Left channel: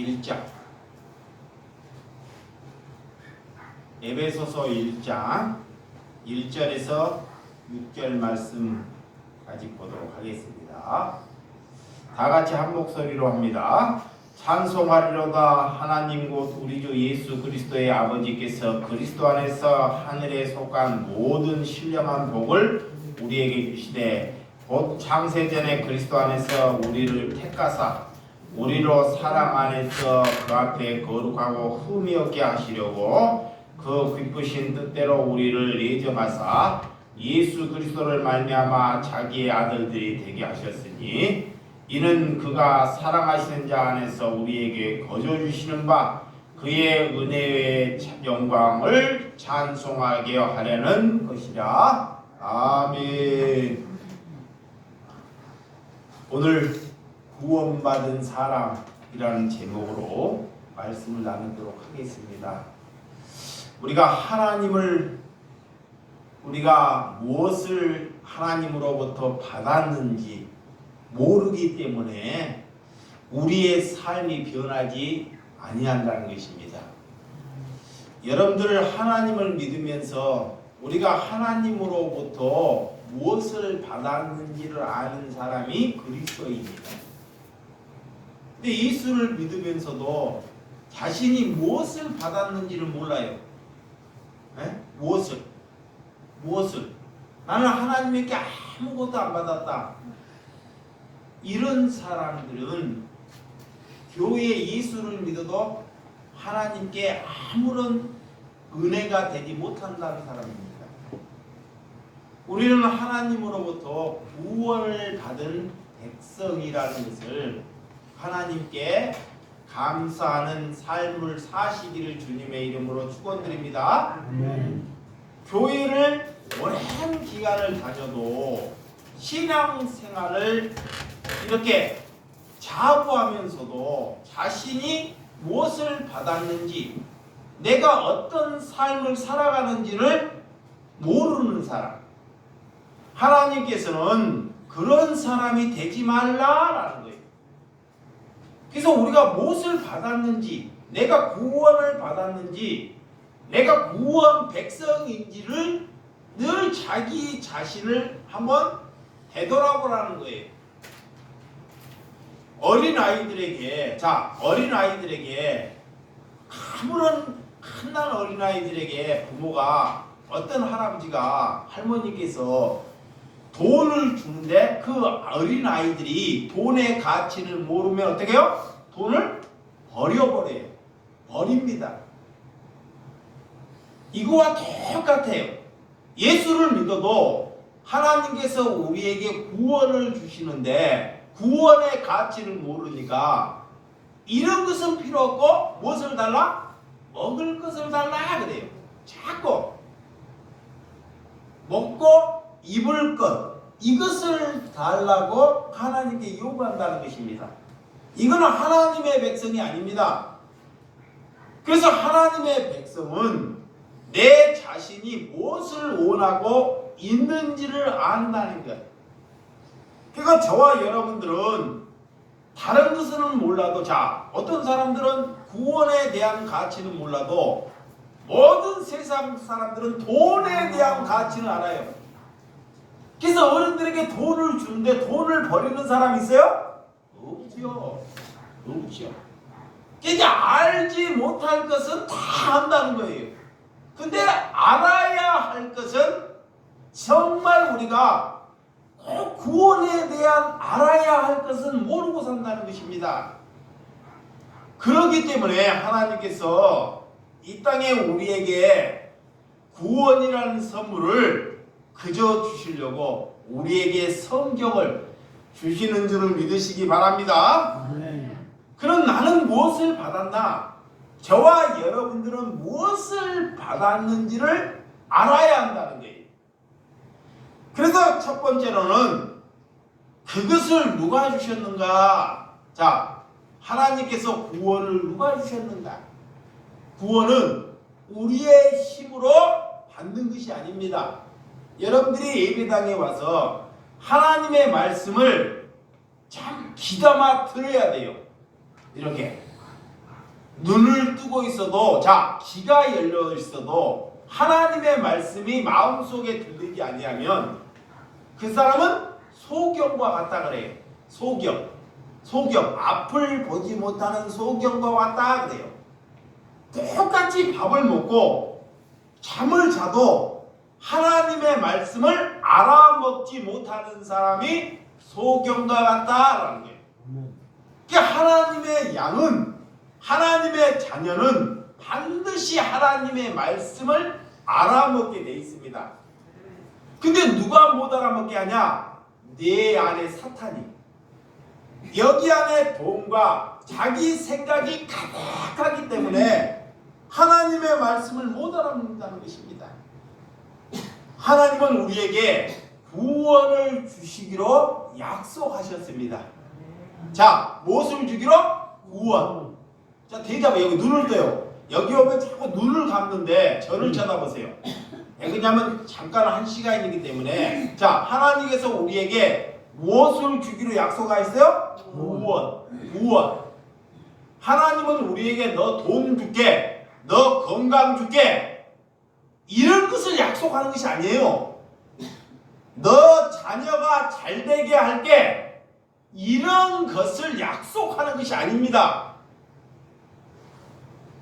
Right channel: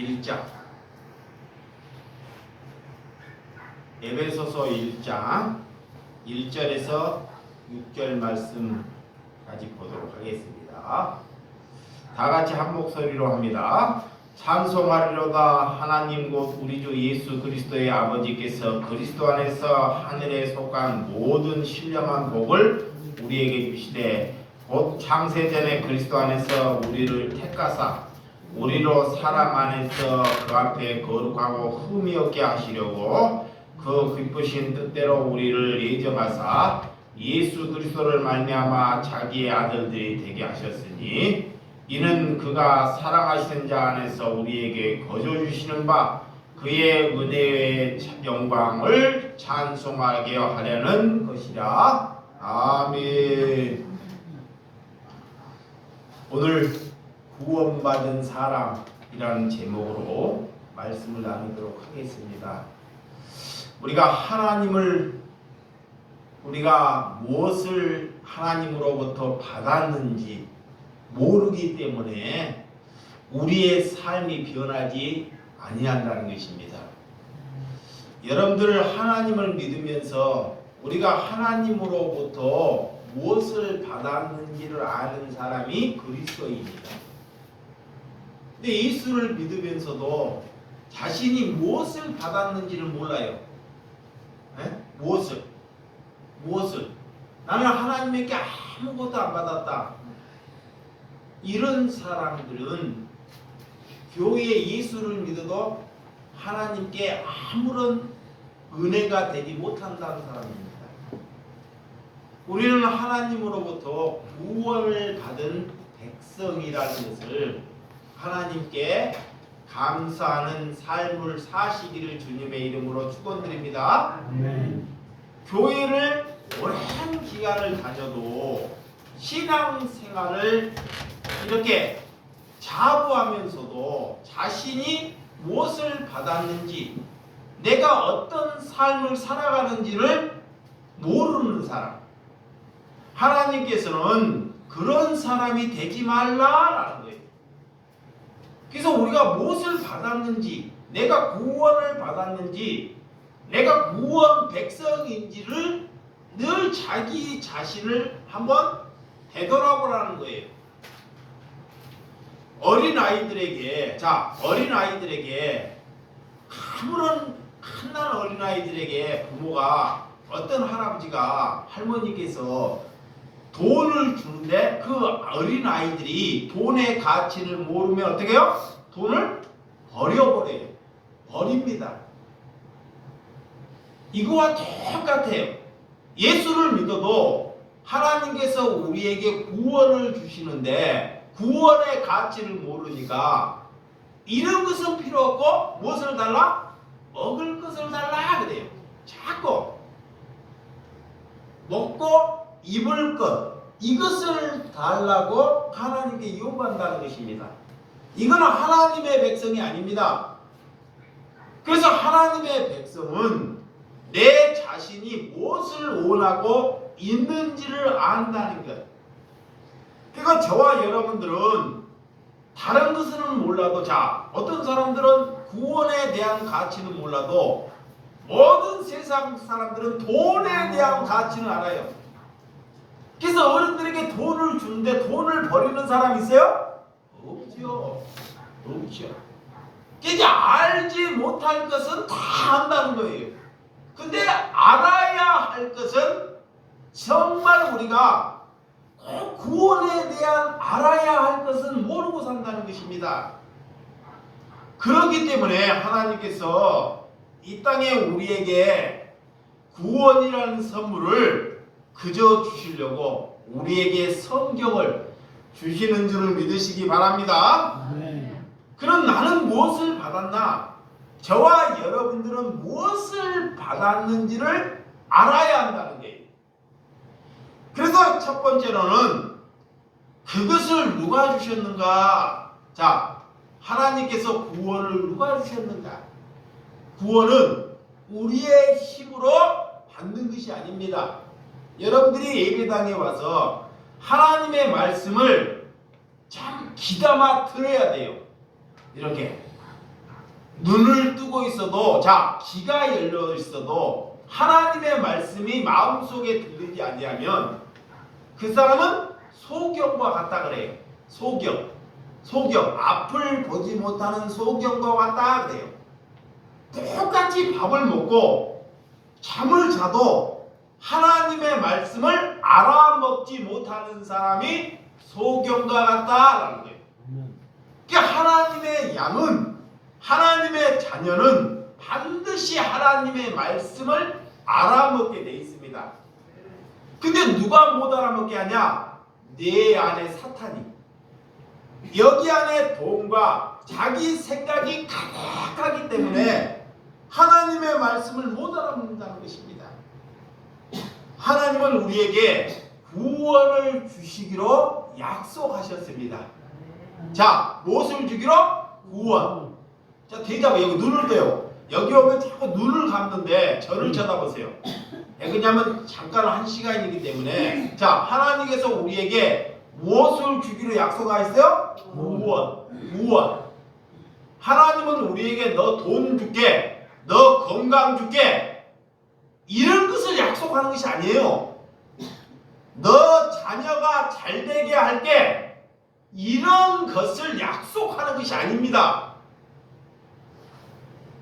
1장 에베소서 1장 1절에서 6절 말씀까지 보도록 하겠습니다. 다 같이 한 목소리로 합니다. 찬송하리로다. 하나님 곧 우리 주 예수 그리스도의 아버지께서 그리스도 안에서 하늘에 속한 모든 신령한 복을 우리에게 주시되 곧 창세전에 그리스도 안에서 우리를 택하사 우리로 사랑 안에서 그 앞에 거룩하고 흠이 없게 하시려고 그 기쁘신 뜻대로 우리를 예정하사 예수 그리스도를 말미암아 자기의 아들들이 되게 하셨으니 이는 그가 사랑하시는 자 안에서 우리에게 거저 주시는 바 그의 은혜의 영광을 찬송하게 하려는 것이라. 아멘. 오늘 구원받은 사람이라는 제목으로 말씀을 나누도록 하겠습니다. 우리가 무엇을 하나님으로부터 받았는지 모르기 때문에 우리의 삶이 변하지 아니한다는 것입니다. 여러분들 하나님을 믿으면서 우리가 하나님으로부터 무엇을 받았는지를 아는 사람이 그리스도입니다. 근데 예수를 믿으면서도 자신이 무엇을 받았는지를 몰라요. 무엇을? 나는 하나님에게 아무것도 안 받았다. 이런 사람들은 교회에 예수를 믿어도 하나님께 아무런 은혜가 되지 못한다는 사람입니다. 우리는 하나님으로부터 구원을 받은 백성이라는 것을 하나님께 감사하는 삶을 사시기를 주님의 이름으로 축원드립니다. 교회를 오랜 기간을 다녀도 신앙생활을 이렇게 자부하면서도 자신이 무엇을 받았는지 내가 어떤 삶을 살아가는지를 모르는 사람, 하나님께서는 그런 사람이 되지 말라라는 거예요. 그래서 우리가 무엇을 받았는지, 내가 구원을 받았는지, 내가 구원 백성인지를 늘 자기 자신을 한번 되돌아보라는 거예요. 어린아이들에게 아무런 갓난 어린아이들에게 부모가 어떤 할아버지가 할머니께서 돈을 주는데 그 어린아이들이 돈의 가치를 모르면 어떻게 해요? 돈을 버려버려요. 버립니다. 이거와 똑같아요. 예수를 믿어도 하나님께서 우리에게 구원을 주시는데 구원의 가치를 모르니까 이런 것은 필요 없고 무엇을 달라? 먹을 것을 달라 그래요. 자꾸 먹고 입을 것 이것을 달라고 하나님께 요구한다는 것입니다. 이거는 하나님의 백성이 아닙니다. 그래서 하나님의 백성은 내 자신이 무엇을 원하고 있는지를 안다는 것. 그러니까 저와 여러분들은 다른 것은 몰라도 어떤 사람들은 구원에 대한 가치는 몰라도 모든 세상 사람들은 돈에 대한 가치는 알아요. 그래서 어른들에게 돈을 주는데 돈을 버리는 사람 있어요? 없죠. 그러니까 알지 못할 것은 다 안다는 거예요. 근데 알아야 할 것은 정말 우리가 꼭 구원에 대한 알아야 할 것은 모르고 산다는 것입니다. 그렇기 때문에 하나님께서 이 땅에 우리에게 구원이라는 선물을 그저 주시려고 우리에게 성경을 주시는 줄을 믿으시기 바랍니다. 그럼 나는 무엇을 받았나? 저와 여러분들은 무엇을 받았는지를 알아야 한다는 거예요. 그래서 첫 번째로는 그것을 누가 주셨는가? 하나님께서 구원을 누가 주셨는가? 구원은 우리의 힘으로 받는 것이 아닙니다. 여러분들이 예배당에 와서 하나님의 말씀을 참 귀담아 들어야 돼요. 이렇게 눈을 뜨고 있어도, 자, 귀가 열려 있어도 하나님의 말씀이 마음속에 들리지 아니하면 그 사람은 소경과 같다 그래요. 소경, 앞을 보지 못하는 소경과 같다 그래요. 똑같이 밥을 먹고 잠을 자도 하나님의 말씀을 알아먹지 못하는 사람이 소경과 같다라는 거예요. 그러니까 하나님의 양은, 하나님의 자녀는 반드시 하나님의 말씀을 알아먹게 돼 있습니다. 근데 누가 못 알아먹게 하냐? 내 안에 사탄이, 여기 안에 돈과 자기 생각이 가득하기 때문에 하나님의 말씀을 못 알아먹는다는 것입니다. 하나님은 우리에게 구원을 주시기로 약속하셨습니다. 자, 무엇을 주기로? 구원. 자, 대답해. 여기 눈을 떼요. 여기 오면 자꾸 눈을 감는데 저를 쳐다보세요. 왜냐하면 잠깐 한 시간이기 때문에. 자, 하나님께서 우리에게 무엇을 주기로 약속하셨어요? 구원. 하나님은 우리에게 너 돈 줄게, 너 건강 줄게, 이런 것을 약속하는 것이 아니에요. 너 자녀가 잘 되게 할게, 이런 것을 약속하는 것이 아닙니다.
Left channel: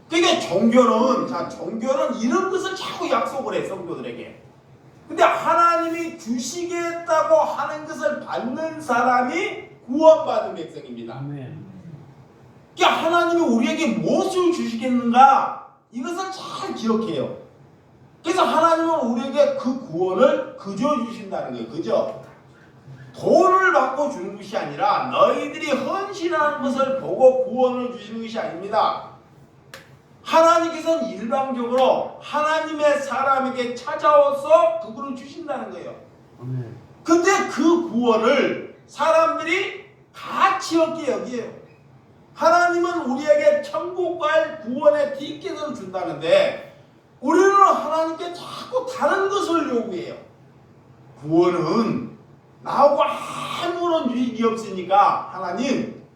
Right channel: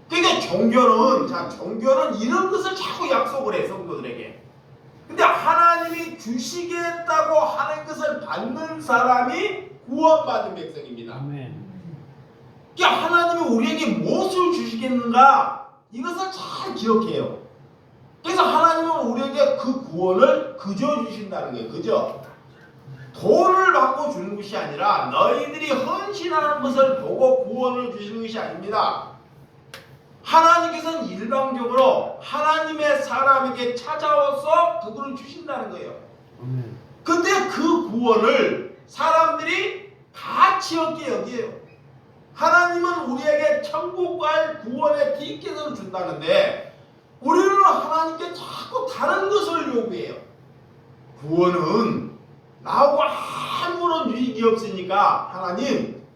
그러니까 종교는 이런 것을 자꾸 약속을 해, 성도들에게. 근데 하나님이 주시겠다고 하는 것을 받는 사람이 구원받은 백성입니다. 아멘. 그러니까 하나님이 우리에게 무엇을 주시겠는가, 이것을 잘 기억해요. 그래서 하나님은 우리에게 그 구원을 그저 주신다는 거예요. 그저 돈을 받고 주는 것이 아니라 너희들이 헌신하는 것을 보고 구원을 주시는 것이 아닙니다. 하나님께서는 일방적으로 하나님의 사람에게 찾아와서 그분을 주신다는 거예요. 근데 그 구원을 사람들이 가치 없게 여기에요. 하나님은 우리에게 천국 갈 구원의 티켓을 준다는데 우리는 하나님께 자꾸 다른 것을 요구해요. 구원은 나하고 아무런 유익이 없으니까 하나님,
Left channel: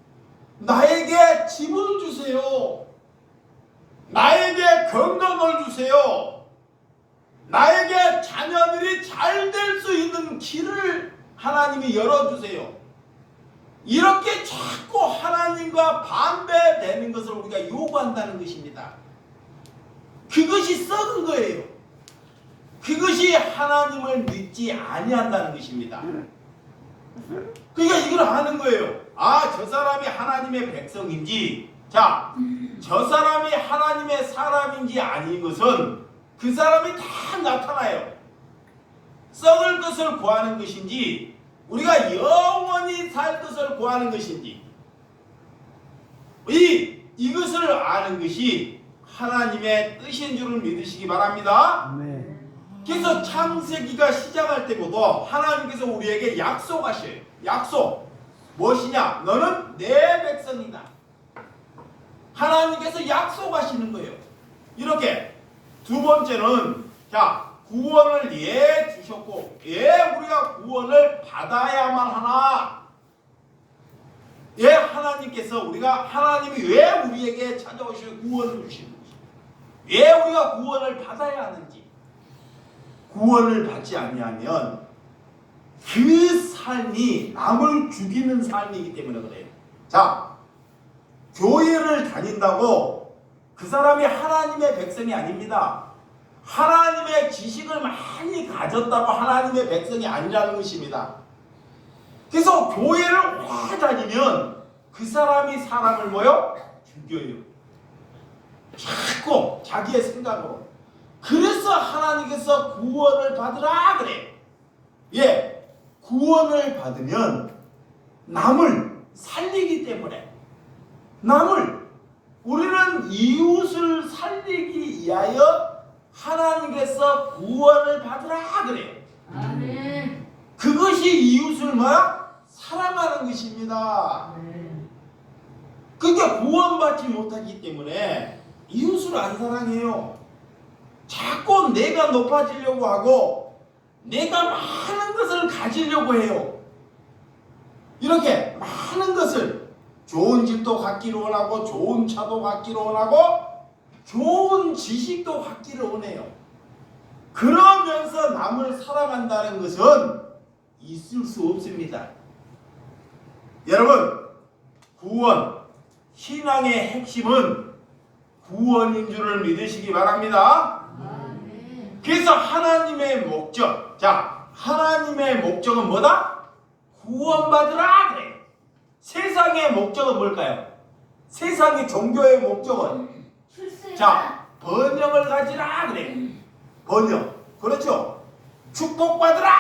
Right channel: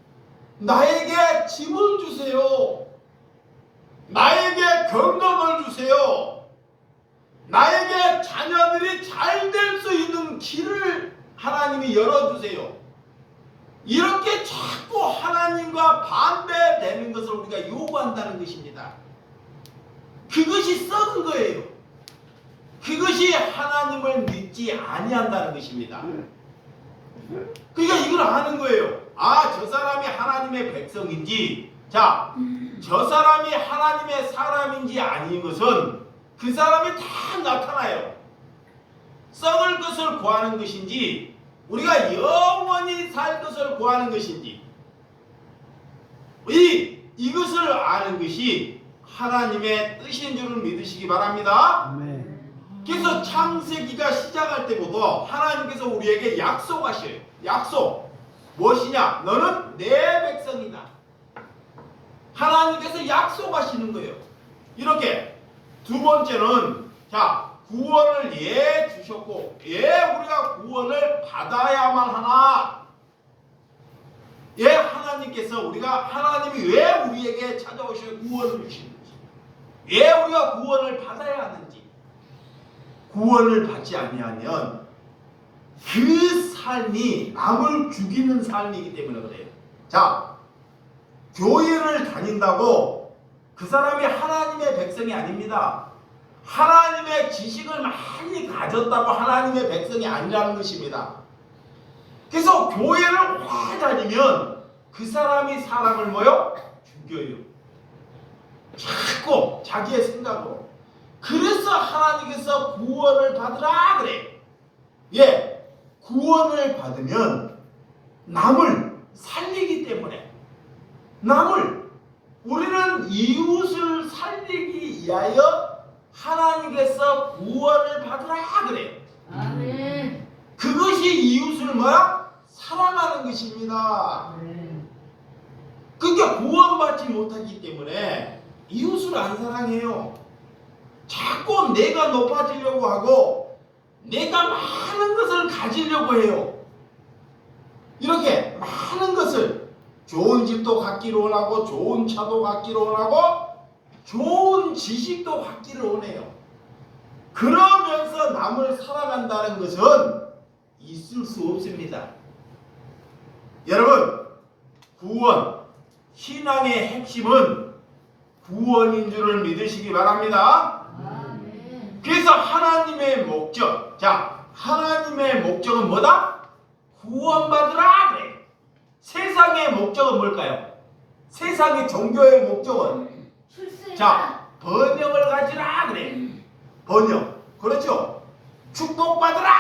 나에게 짐을 주세요. 나에게 건강을 주세요. 나에게 자녀들이 잘 될 수 있는 길을 하나님이 열어주세요. 이렇게 자꾸 하나님과 반대되는 것을 우리가 요구한다는 것입니다. 그것이 썩은 거예요. 그것이 하나님을 믿지 아니한다는 것입니다. 그러니까 이걸 아는 거예요. 아, 저 사람이 하나님의 백성인지, 자, 저 사람이 하나님의 사람인지 아닌 것은 그 사람이 다 나타나요. 썩을 것을 구하는 것인지 우리가 영원히 살 것을 구하는 것인지, 이것을 아는 것이 하나님의 뜻인 줄을 믿으시기 바랍니다. 아멘. 그래서 창세기가 시작할 때부터 하나님께서 우리에게 약속하셔요. 약속. 무엇이냐? 너는 내 백성이다. 하나님께서 약속하시는 거예요. 이렇게. 두 번째는, 자, 구원을 예 주셨고, 예 우리가 구원을 받아야만 하나? 예, 하나님께서 하나님이 왜 우리에게 찾아오셔 구원을 주시는지, 왜 우리가 구원을 받아야 하는지. 구원을 받지 아니하면 그 삶이 남을 죽이는 삶이기 때문에 그래요. 자, 교회를 다닌다고 그 사람이 하나님의 백성이 아닙니다. 하나님의 지식을 많이 가졌다고 하나님의 백성이 아니라는 것입니다. 그래서 교회를 오래 다니면 그 사람이 사람을 죽여요. 자꾸 자기의 생각으로. 그래서 하나님께서 구원을 받으라 그래. 예, 구원을 받으면 남을 살리기 때문에, 우리는 이웃을 살리기 위하여 하나님께서 구원을 받으라 그래요. 아멘. 그것이 이웃을 사랑하는 것입니다. 그러니까 구원받지 못하기 때문에 이웃을 안 사랑해요. 자꾸 내가 높아지려고 하고 내가 많은 것을 가지려고 해요. 이렇게 많은 것을 좋은 집도 갖기를 원하고 좋은 차도 갖기를 원하고 좋은 지식도 갖기를 원해요. 그러면서 남을 사랑한다는 것은 있을 수 없습니다. 여러분, 구원, 신앙의 핵심은 구원인 줄을 믿으시기 바랍니다. 그래서 하나님의 목적, 자, 하나님의 목적은 뭐다? 구원받으라 그래. 세상의 목적은 뭘까요? 세상의 종교의 목적은 자, 번영을 가지라 그래. 번영, 그렇죠? 축복받으라.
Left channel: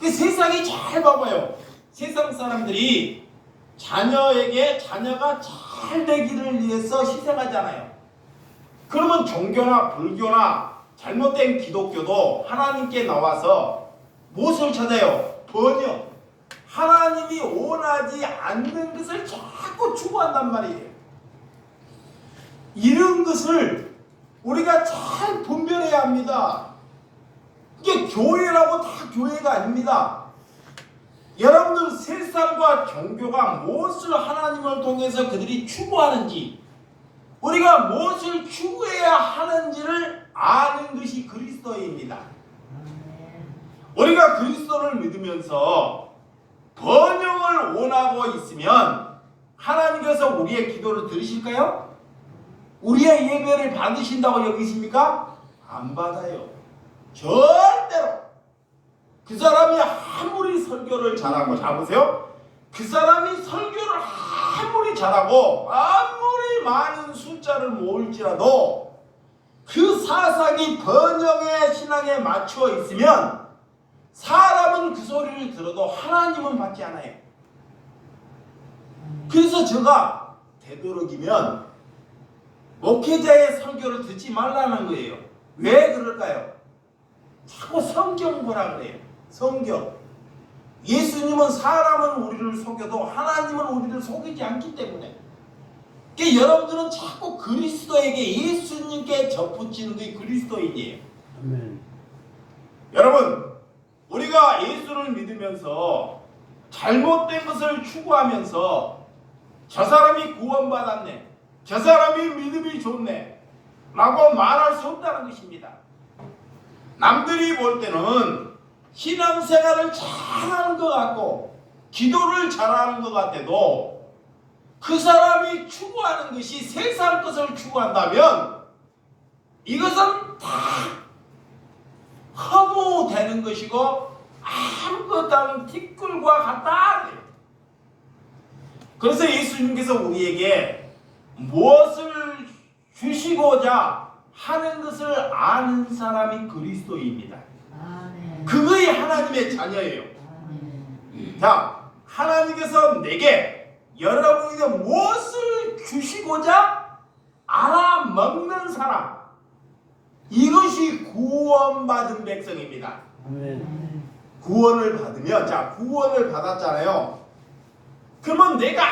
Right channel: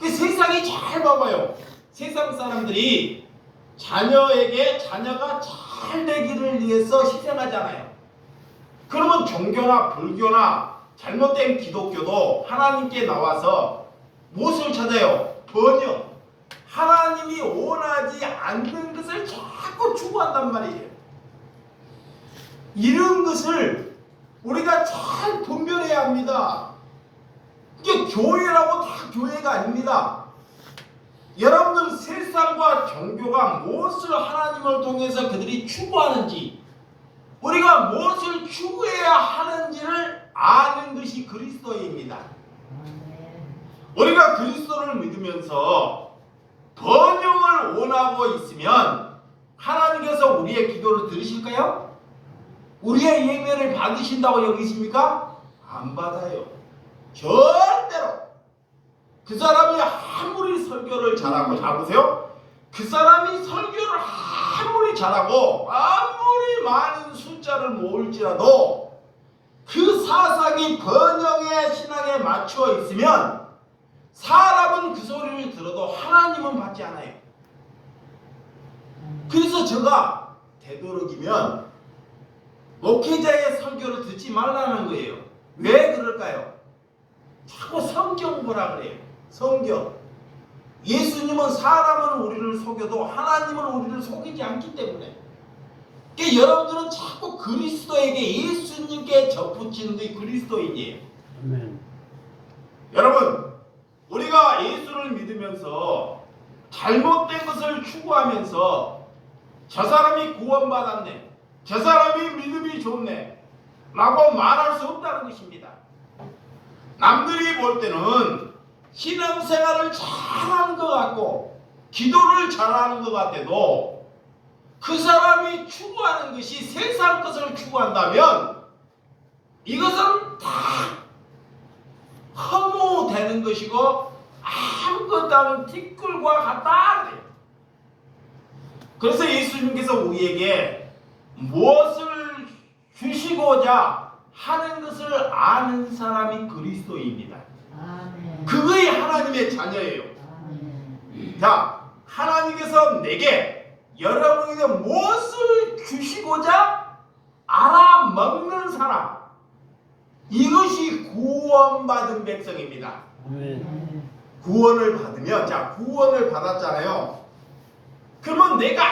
그 세상이 잘 봐봐요. 세상 사람들이 자녀에게 자녀가 잘 되기를 위해서 희생하잖아요. 그러면 종교나 불교나 잘못된 기독교도 하나님께 나와서 무엇을 찾아요? 번영. 하나님이 원하지 않는 것을 자꾸 추구한단 말이에요. 이런 것을 우리가 잘 분별해야 합니다. 이게 교회라고 다 교회가 아닙니다. 여러분들 세상과 종교가 무엇을 하나님을 통해서 그들이 추구하는지, 우리가 무엇을 추구해야 하는지를 아는 것이 그리스도입니다. 우리가 그리스도를 믿으면서 번영을 원하고 있으면 하나님께서 우리의 기도를 들으실까요? 우리의 예배를 받으신다고 여기십니까? 안 받아요. 절대로. 그 사람이 아무리 설교를 잘하고, 잘 보세요. 그 사람이 설교를 아무리 잘하고 아무리 많은 숫자를 모을지라도 그 사상이 번영의 신앙에 맞춰 있으면 사람은 그 소리를 들어도 하나님은 받지 않아요. 그래서 제가 되도록이면 목회자의 설교를 듣지 말라는 거예요. 왜 그럴까요? 자꾸 성경 보라 그래요. 성경. 예수님은 사람은 우리를 속여도 하나님은 우리를 속이지 않기 때문에. 그러니까 여러분들은 자꾸 그리스도에게, 예수님께 접붙이는 게 그리스도인이에요. 아멘. 여러분, 우리가 예수를 믿으면서 잘못된 것을 추구하면서 저 사람이 구원받았네, 저 사람이 믿음이 좋네 라고 말할 수 없다는 것입니다. 남들이 볼 때는 신앙생활을 잘하는 것 같고 기도를 잘하는 것 같아도 그 사람이 추구하는 것이 세상 것을 추구한다면 이것은 다 허무되는 것이고 아무것도 않은 티끌과 같다. 그래서 예수님께서 우리에게 무엇을 주시고자 하는 것을 아는 사람이 그리스도입니다. 아멘. 그것이 하나님의 자녀예요. 아멘. 자, 하나님께서 내게, 여러분에게 무엇을 주시고자 알아먹는 사람, 이것이 구원받은 백성입니다. 아멘. 구원을 받으면, 자, 구원을 받았잖아요. 그러면 내가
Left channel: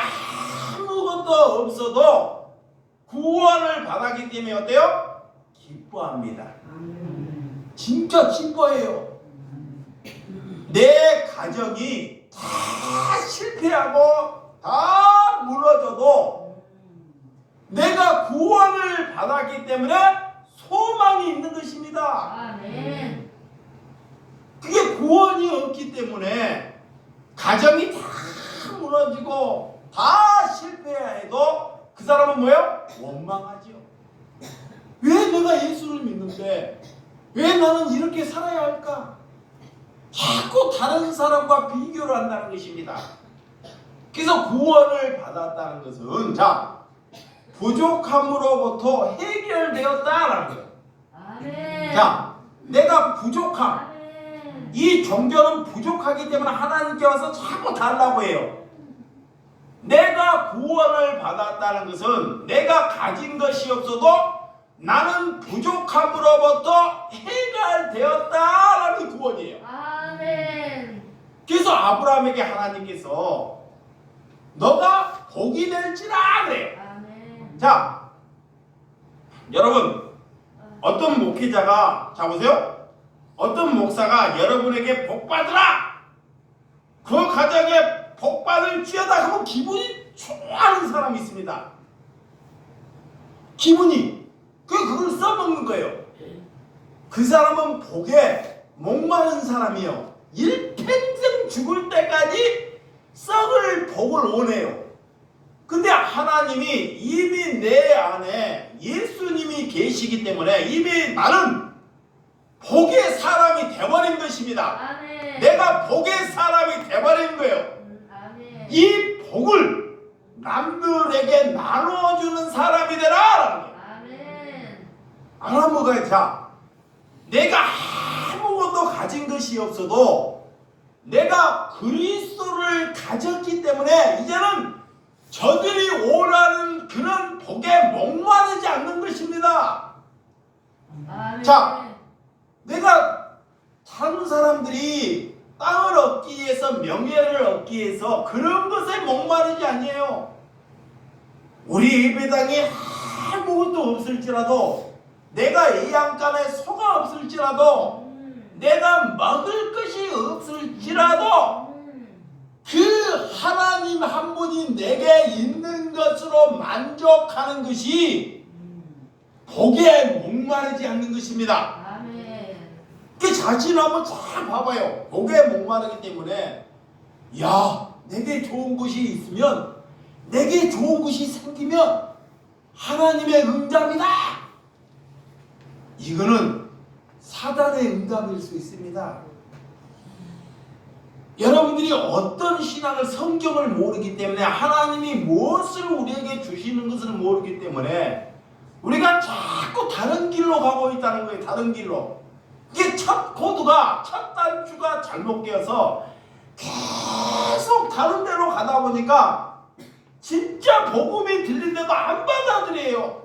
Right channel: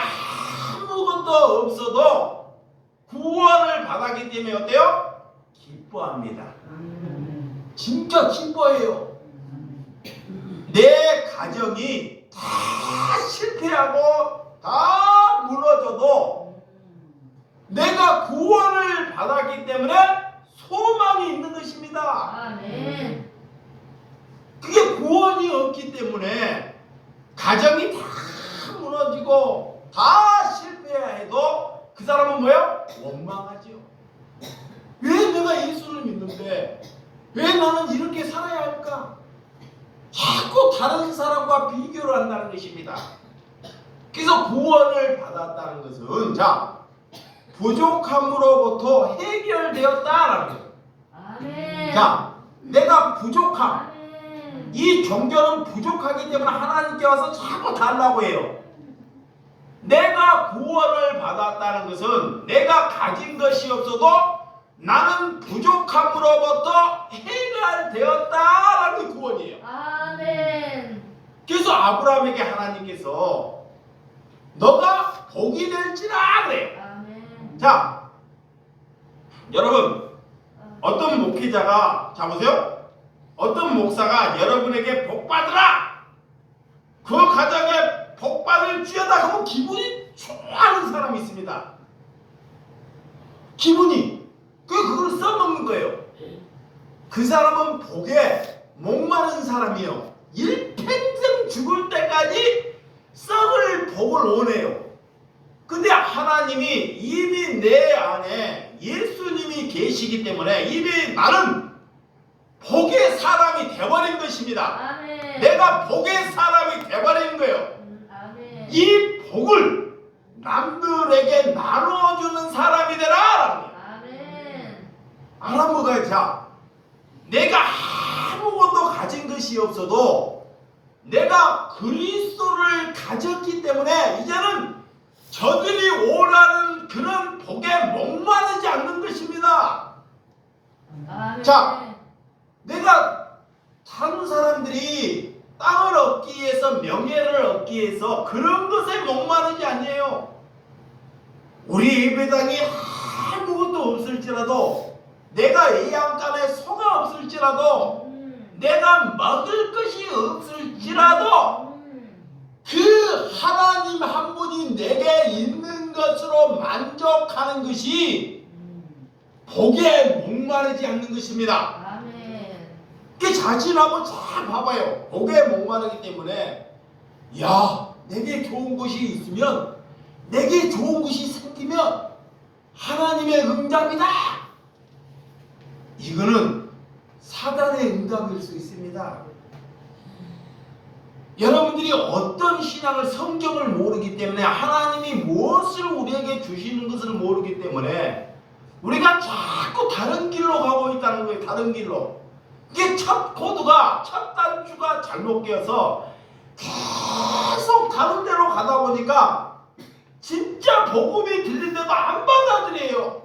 아무것도 없어도 구원을 받았기 때문에 어때요? 기뻐합니다. 진짜 기뻐해요. 내 가정이 다 실패하고 다 무너져도 내가 구원을 받았기 때문에 소망이 있는 것입니다. 아멘. 그게 구원이 없기 때문에 가정이 다 무너지고 다 실패해야 해도 그 사람은 뭐예요? 원망하죠. 왜 내가 예수를 믿는데 왜 나는 이렇게 살아야 할까? 자꾸 다른 사람과 비교를 한다는 것입니다. 그래서 구원을 받았다는 것은, 자, 부족함으로부터 해결되었다라는 거예요. 아멘. 자, 내가 부족함. 아멘. 이 종교는 부족하기 때문에 하나님께 와서 자꾸 달라고 해요. 내가 구원을 받았다는 것은 내가 가진 것이 없어도 나는 부족함으로부터 해결되었다라는 구원이에요. 아멘. 그래서 아브라함에게 하나님께서 너가 복이 될지라 그래요. 아멘. 자, 여러분, 어떤 목회자가, 자 보세요, 어떤 목사가 여러분에게 복 받으라, 그 가정에 복받을 쥐어다 하면 기분이 좋아하는 사람이 있습니다. 기분이 그걸 써먹는 거예요. 그 사람은 복에 목마른 사람이요. 일평생 죽을 때까지 썩을 복을 원해요. 근데 하나님이 이미 내 안에 예수님이 계시기 때문에 이미 나는 복의 사람이 되어버린 것입니다. 아멘. 내가 복의 사람이 되어버린 거예요. 아멘. 이 복을 남들에게 나눠주는 사람이 되라. 아멘. 아무가 자, 내가 아무것도 가진 것이 없어도 내가 그리스도를 가졌기 때문에 이제는 저들이 원하는 그런 복에 목마르지 않는 것입니다. 아멘. 자, 내가 다른 사람들이 땅을 얻기 위해서 명예를 얻기 위해서 그런 것에 목마르지 아니에요. 우리 예배당이 아무것도 없을지라도 내가 이 안간에 소가 없을지라도 내가 먹을 것이 없을지라도 그 하나님 한 분이 내게 있는 것으로 만족하는 것이 복에 목마르지 않는 것입니다. 아멘. 그 자신 한번 잘 봐봐요. 복에 목마르기 때문에 야, 내게 좋은 것이 있으면 내게 좋은 것이 생기면 하나님의 응답이다. 이거는 사단의 응답일 수 있습니다. 여러분들이 어떤 신앙을 성경을 모르기 때문에 하나님이 무엇을 우리에게 주시는 것을 모르기 때문에 우리가 자꾸 다른 길로 가고 있다는 거예요. 다른 길로. 이게 첫 코드가 첫 단추가 잘못 깨어서 계속 다른 데로 가다 보니까 진짜 복음이 들리는데도 안 받아들여요.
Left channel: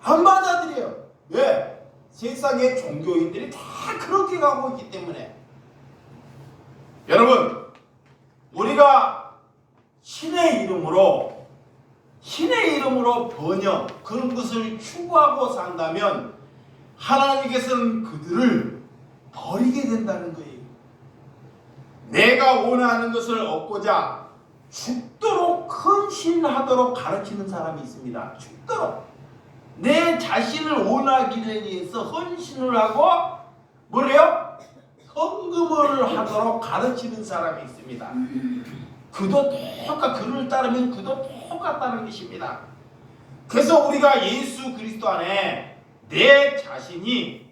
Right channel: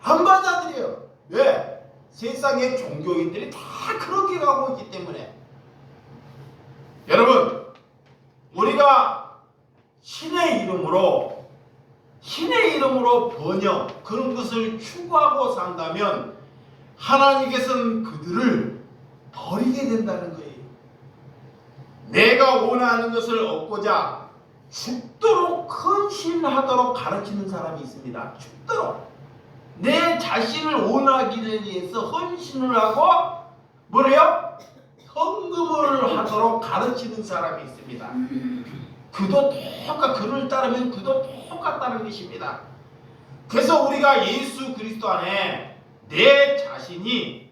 안 받아들여요. 왜? 세상의 종교인들이 다 그렇게 가고 있기 때문에. 여러분, 우리가 신의 이름으로 번영 그런 것을 추구하고 산다면 하나님께서는 그들을 버리게 된다는 거예요. 내가 원하는 것을 얻고자 죽도록 헌신하도록 가르치는 사람이 있습니다. 죽도록 내 자신을 원하기를 위해서 헌신을 하고 뭐래요? 헌금을 하도록 가르치는 사람이 있습니다. 그도 그를 따르면 그도 똑같다는 것입니다. 그래서 우리가 예수 그리스도 안에 내 자신이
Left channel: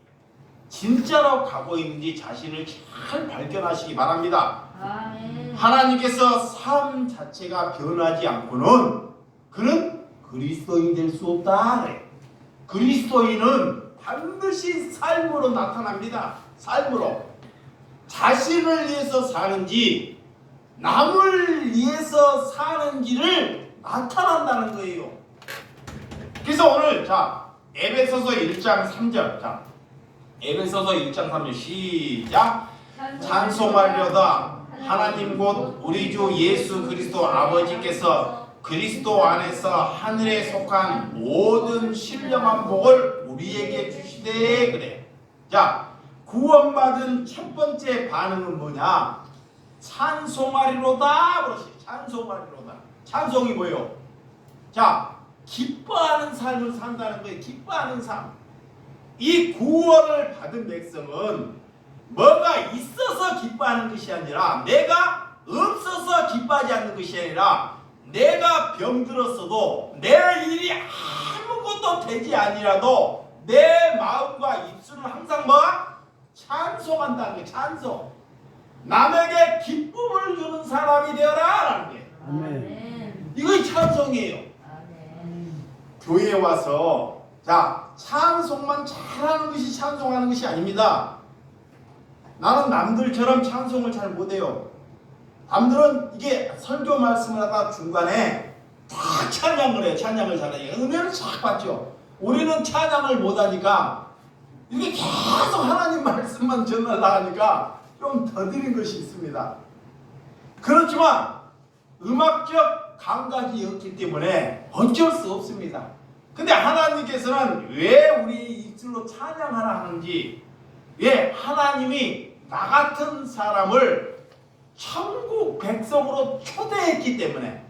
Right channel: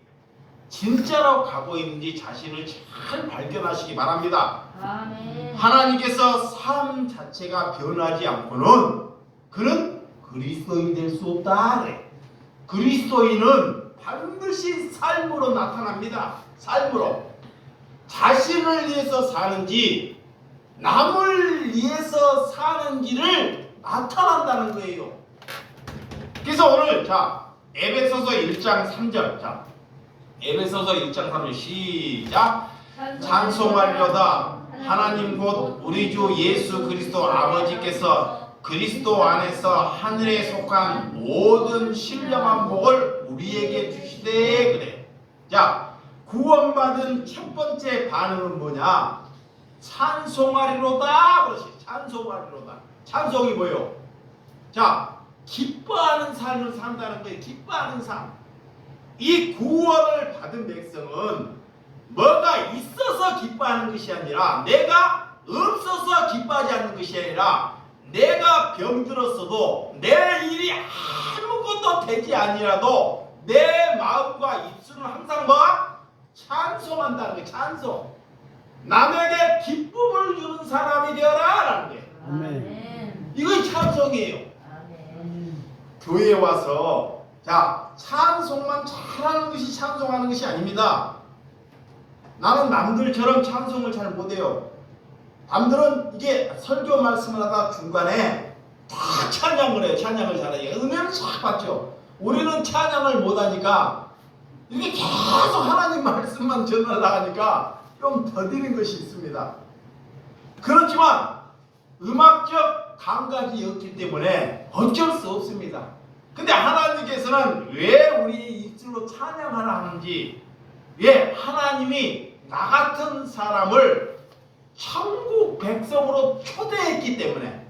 진짜로 가고 있는지 자신을 잘 발견하시기 바랍니다. 아멘. 하나님께서 삶 자체가 변하지 않고는 그는 그리스도인 될 수 없다. 그래. 그리스도인은 반드시 삶으로 나타납니다. 삶으로. 자신을 위해서 사는지 남을 위해서 사는지를 나타난다는 거예요. 그래서 오늘 자 에베소서 1장 3절 자 에베소서 1장 3절 시작. 찬송하리로다 하나님 곧 우리 주 예수 그리스도 아버지께서 그리스도 안에서 하늘에 속한 모든 신령한 복을 우리에게 주시되 그래. 자, 구원받은 첫 번째 반응은 뭐냐? 찬송하리로다. 그렇지. 찬송하리로다. 찬송이 뭐예요? 자, 기뻐하는 삶을 산다는 거예요. 기뻐하는 삶. 이 구원을 받은 백성은 뭐가 있어서 기뻐하는 것이 아니라 내가 없어서 기뻐하지 않는 것이 아니라 내가 병들었어도 내 일이 아무것도 되지 아니라도 내 마음과 입술은 항상 뭐야? 찬송한다는 거예요. 찬송. 남에게 기쁨을 주는 사람이 되어라 라는 게. 아멘. 이거 찬송이에요. 아멘. 교회에 와서 자 찬송만 잘하는 것이 찬송하는 것이 아닙니다. 나는 남들처럼 찬송을 잘 못해요. 남들은 이게 설교 말씀을 하다 중간에 다 찬양을 해요. 찬양을 잘하니까 은혜를 쫙 받죠. 우리는 찬양을 못하니까 이게 계속 하나님 말씀만 전하려니까 좀 더디는 것이 있습니다. 그렇지만 음악적 감각이 없기 때문에 어쩔 수 없습니다. 근데 하나님께서는 왜 우리 입술로 찬양하라 하는지, 왜 하나님이 나 같은 사람을 천국 백성으로 초대했기 때문에,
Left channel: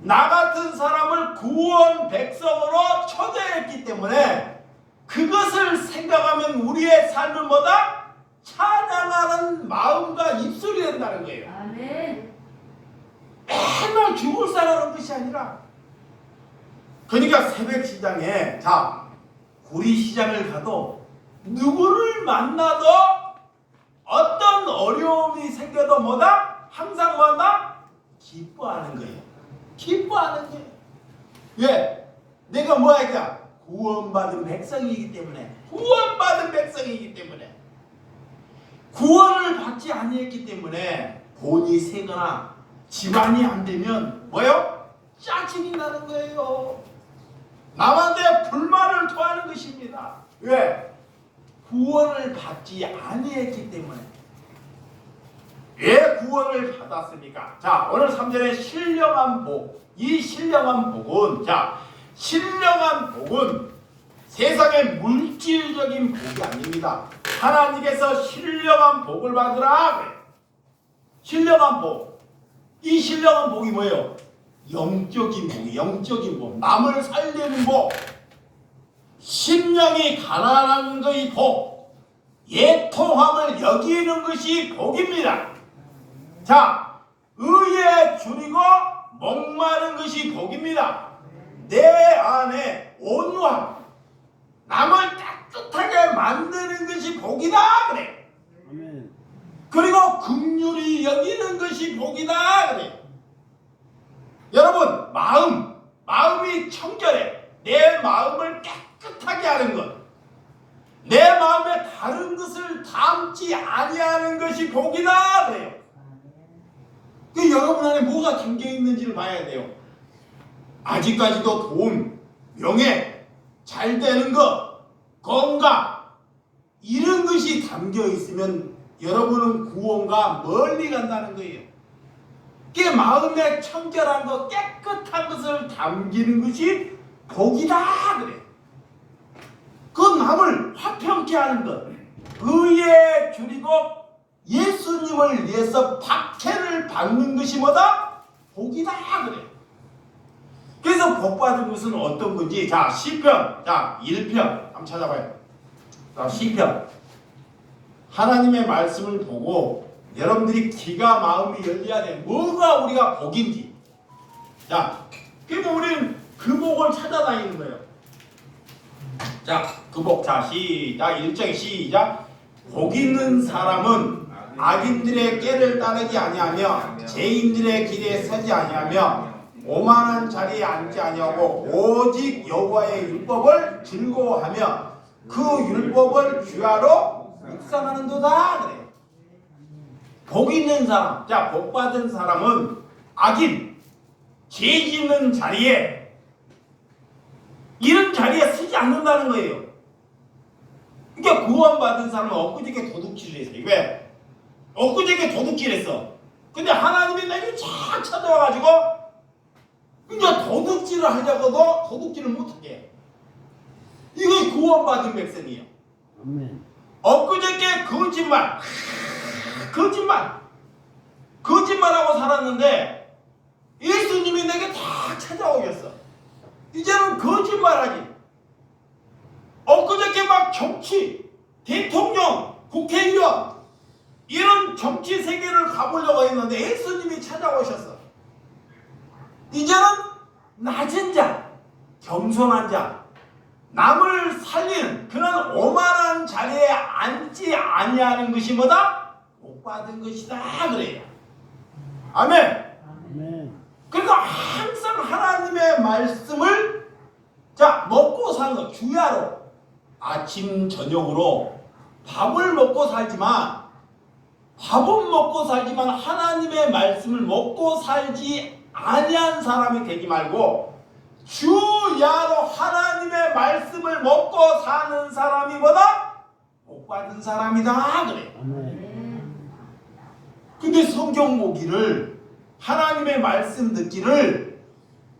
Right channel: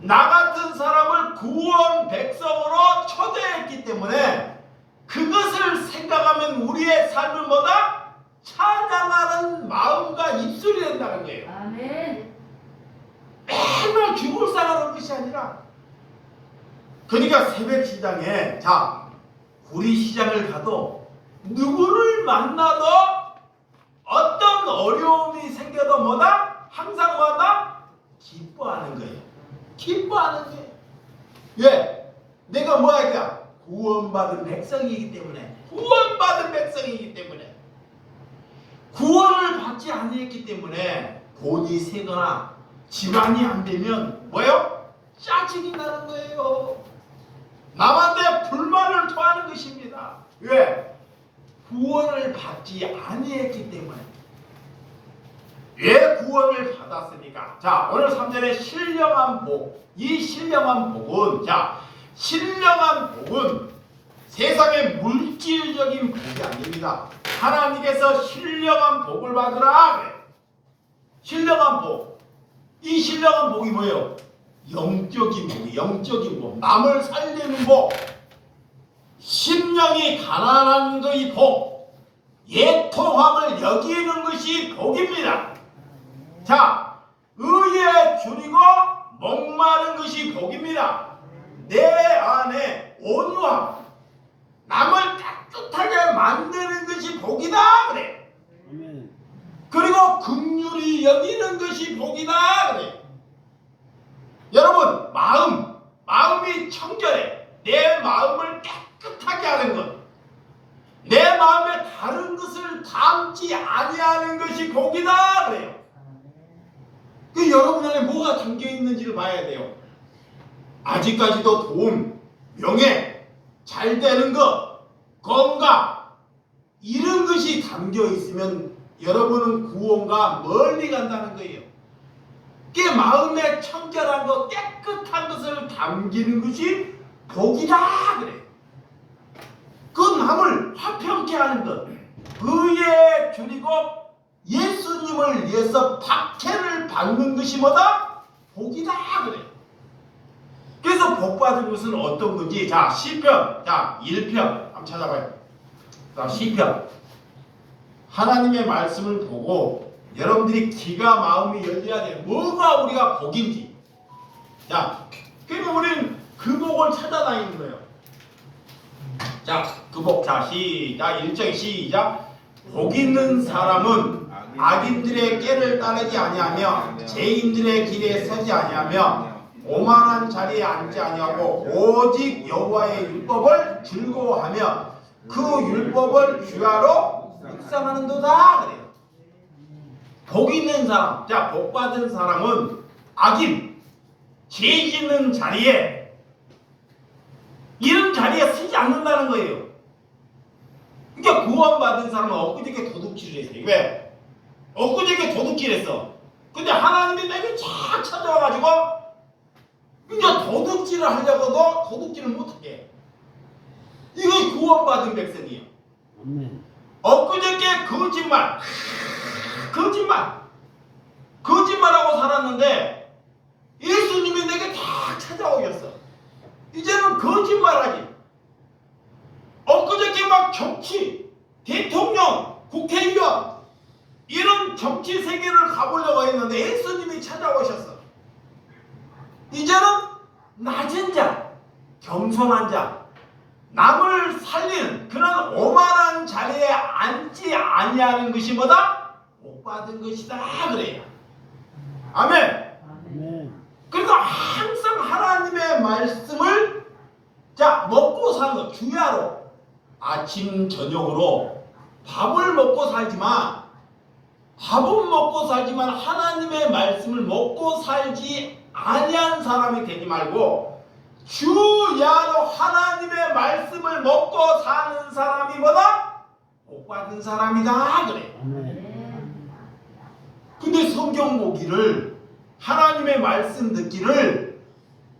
나 같은 사람을 구원 백성으로 초대했기 때문에 그것을 생각하면 우리의 삶은 뭐다? 찬양하는 마음과 입술이 된다는 거예요. 아멘. 맨날 죽을 살아는 것이 아니라, 그러니까 새벽 시장에, 자, 구리 시장을 가도 누구를 만나도 어떤 어려움이 생겨도 뭐다? 항상 뭐다? 기뻐하는 거예요. 기뻐하는 거예요. 왜? 내가 뭐 할까? 구원받은 백성이기 때문에, 구원받은 백성이기 때문에, 구원을 받지 아니했기 때문에 돈이 세거나 집안이 안 되면 뭐요? 짜증이 나는 거예요. 남한테 불만을 토하는 것입니다. 왜? 구원을 받지 아니했기 때문에. 왜 구원을 받았습니까? 자, 오늘 3절에 신령한 복. 이 신령한 복은, 자, 신령한 복은 세상의 물질적인 복이 아닙니다. 하나님께서 신령한 복을 받으라 그래. 신령한 복. 이 신령한 복이 뭐예요? 영적인 복이, 영적인 복. 남을 살리는 복. 심령이 가난한 것이 복. 애통함을 여기는 것이 복입니다. 자, 의에 줄이고 목마른 것이 복입니다. 내 안에 온유함, 남을 깨끗하게 만드는 것이 복이다 그래. 아멘. 그리고 긍휼히 여기는 것이 복이다 그래. 여러분, 마음이 청결해. 내 마음을 깨끗하게 하는 것, 내 마음에 다른 것을 담지 아니하는 것이 복이다 그래요. 그 여러분 안에 뭐가 담겨 있는지를 봐야 돼요. 아직까지도 돈, 명예, 잘 되는 것, 건강, 이런 것이 담겨 있으면 여러분은 구원과 멀리 간다는 거예요. 그 마음에 청결한 것, 깨끗한 것을 담기는 것이 복이다 그래. 그 남을 화평케 하는 것, 의에 줄이고 예수님을 위해서 박해를 받는 것이 뭐다? 복이다 그래. 그래서 복 받은 것은 어떤 건지, 자, 시편, 자, 1편 한번 찾아봐요. 자, 시편. 하나님의 말씀을 보고 여러분들이 귀가 마음이 열려야 돼. 뭐가 우리가 복인지. 자, 그러니까 우리는 그 복을 찾아다니는 거예요. 자, 그 복. 자, 시작. 1절 시작. 복 있는 사람은 악인들의 꾀를 따르지 아니하며 죄인들의 길에 서지 아니하며 오만한 자리에 앉지 아니하고 오직 여호와의 율법을 즐거워하며 그 율법을 주야로 묵상하는도다 그래요. 복 있는 사람, 자, 복 받은 사람은 악인, 죄 짓는 자리에, 이런 자리에 서지 않는다는 거예요. 그러니까 구원받은 사람은 엊그저께 도둑질을 했어요. 왜? 엊그저께 도둑질했어. 근데 하나님이 내게 쫙 찾아와가지고 이제 도둑질을 하려고도 도둑질을 못하게. 이거 구원받은 백성이에요. 아멘. 엊그저께 거짓말하고 살았는데 예수님이 내게 다 찾아오셨어. 이제는 거짓말하지. 엊그저께 막 정치, 대통령, 국회의원 이런 정치 세계를 가보려고 했는데 예수님이 찾아오셨어. 이제는 낮은 자, 겸손한 자, 남을 살리는 그런 오만한 자리에 앉지 아니하는 것이 뭐다? 복 받은 것이다 그래요. 아멘. 아멘. 그러니까 항상 하나님의 말씀을, 자, 먹고 사는 것, 주야로 아침 저녁으로 밥은 먹고 살지만 하나님의 말씀을 먹고 살지 아니한 사람이 되지 말고 주야로 하나님의 말씀을 먹고 사는 사람이 뭐다? 복 받은 사람이다 그래. 아멘. 근데 성경 보기를, 하나님의 말씀 듣기를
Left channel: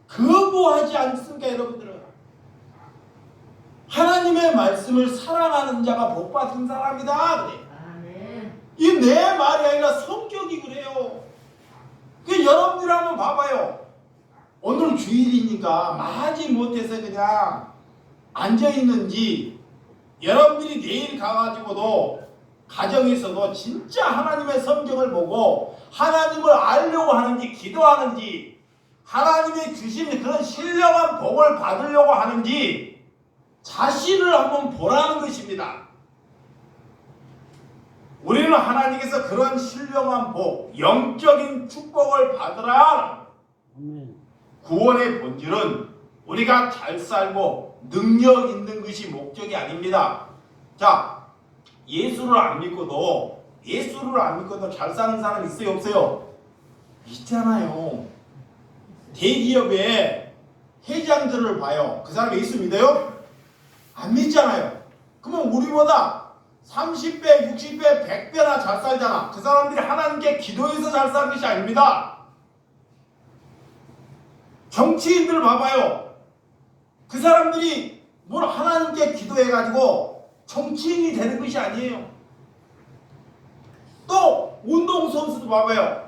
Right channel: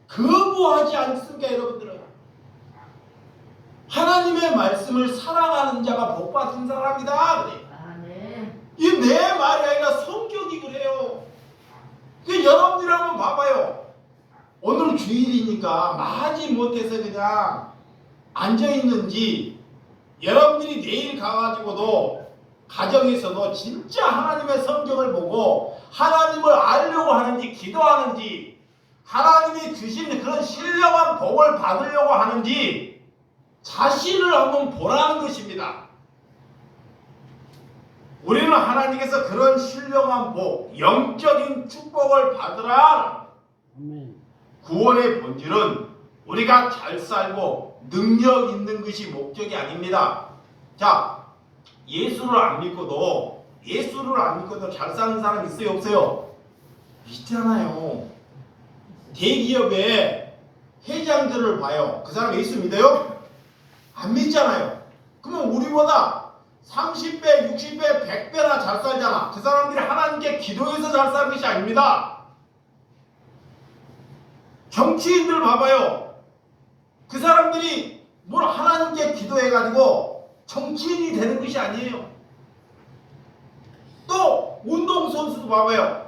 거부하지 않습니까 여러분들은? 하나님의 말씀을 사랑하는 자가 복 받은 사람이다 그래. 아멘. 이 내 말이 아니라 성격이 그래요. 그 여러분들이 한번 봐봐요. 오늘 주일이니까 마지 못해서 그냥 앉아있는지, 여러분들이 내일 가가지고도 가정에서도 진짜 하나님의 성경을 보고 하나님을 알려고 하는지, 기도하는지, 하나님이 주신 그런 신령한 복을 받으려고 하는지 자신을 한번 보라는 것입니다. 우리는 하나님께서 그런 신령한 복, 영적인 축복을 받으라. 아멘. 구원의 본질은 우리가 잘 살고 능력 있는 것이 목적이 아닙니다. 자, 예수를 안 믿고도 잘 사는 사람 있어요, 없어요? 있잖아요. 대기업의 회장들을 봐요. 그 사람 예수 믿어요? 안 믿잖아요. 그러면 우리보다 30배, 60배, 100배나 잘 살잖아. 그 사람들이 하나님께 기도해서 잘 사는 것이 아닙니다. 정치인들 봐봐요. 그 사람들이 뭘 하나님께 기도해가지고 정치인이 되는 것이 아니에요. 또 운동선수도 봐봐요.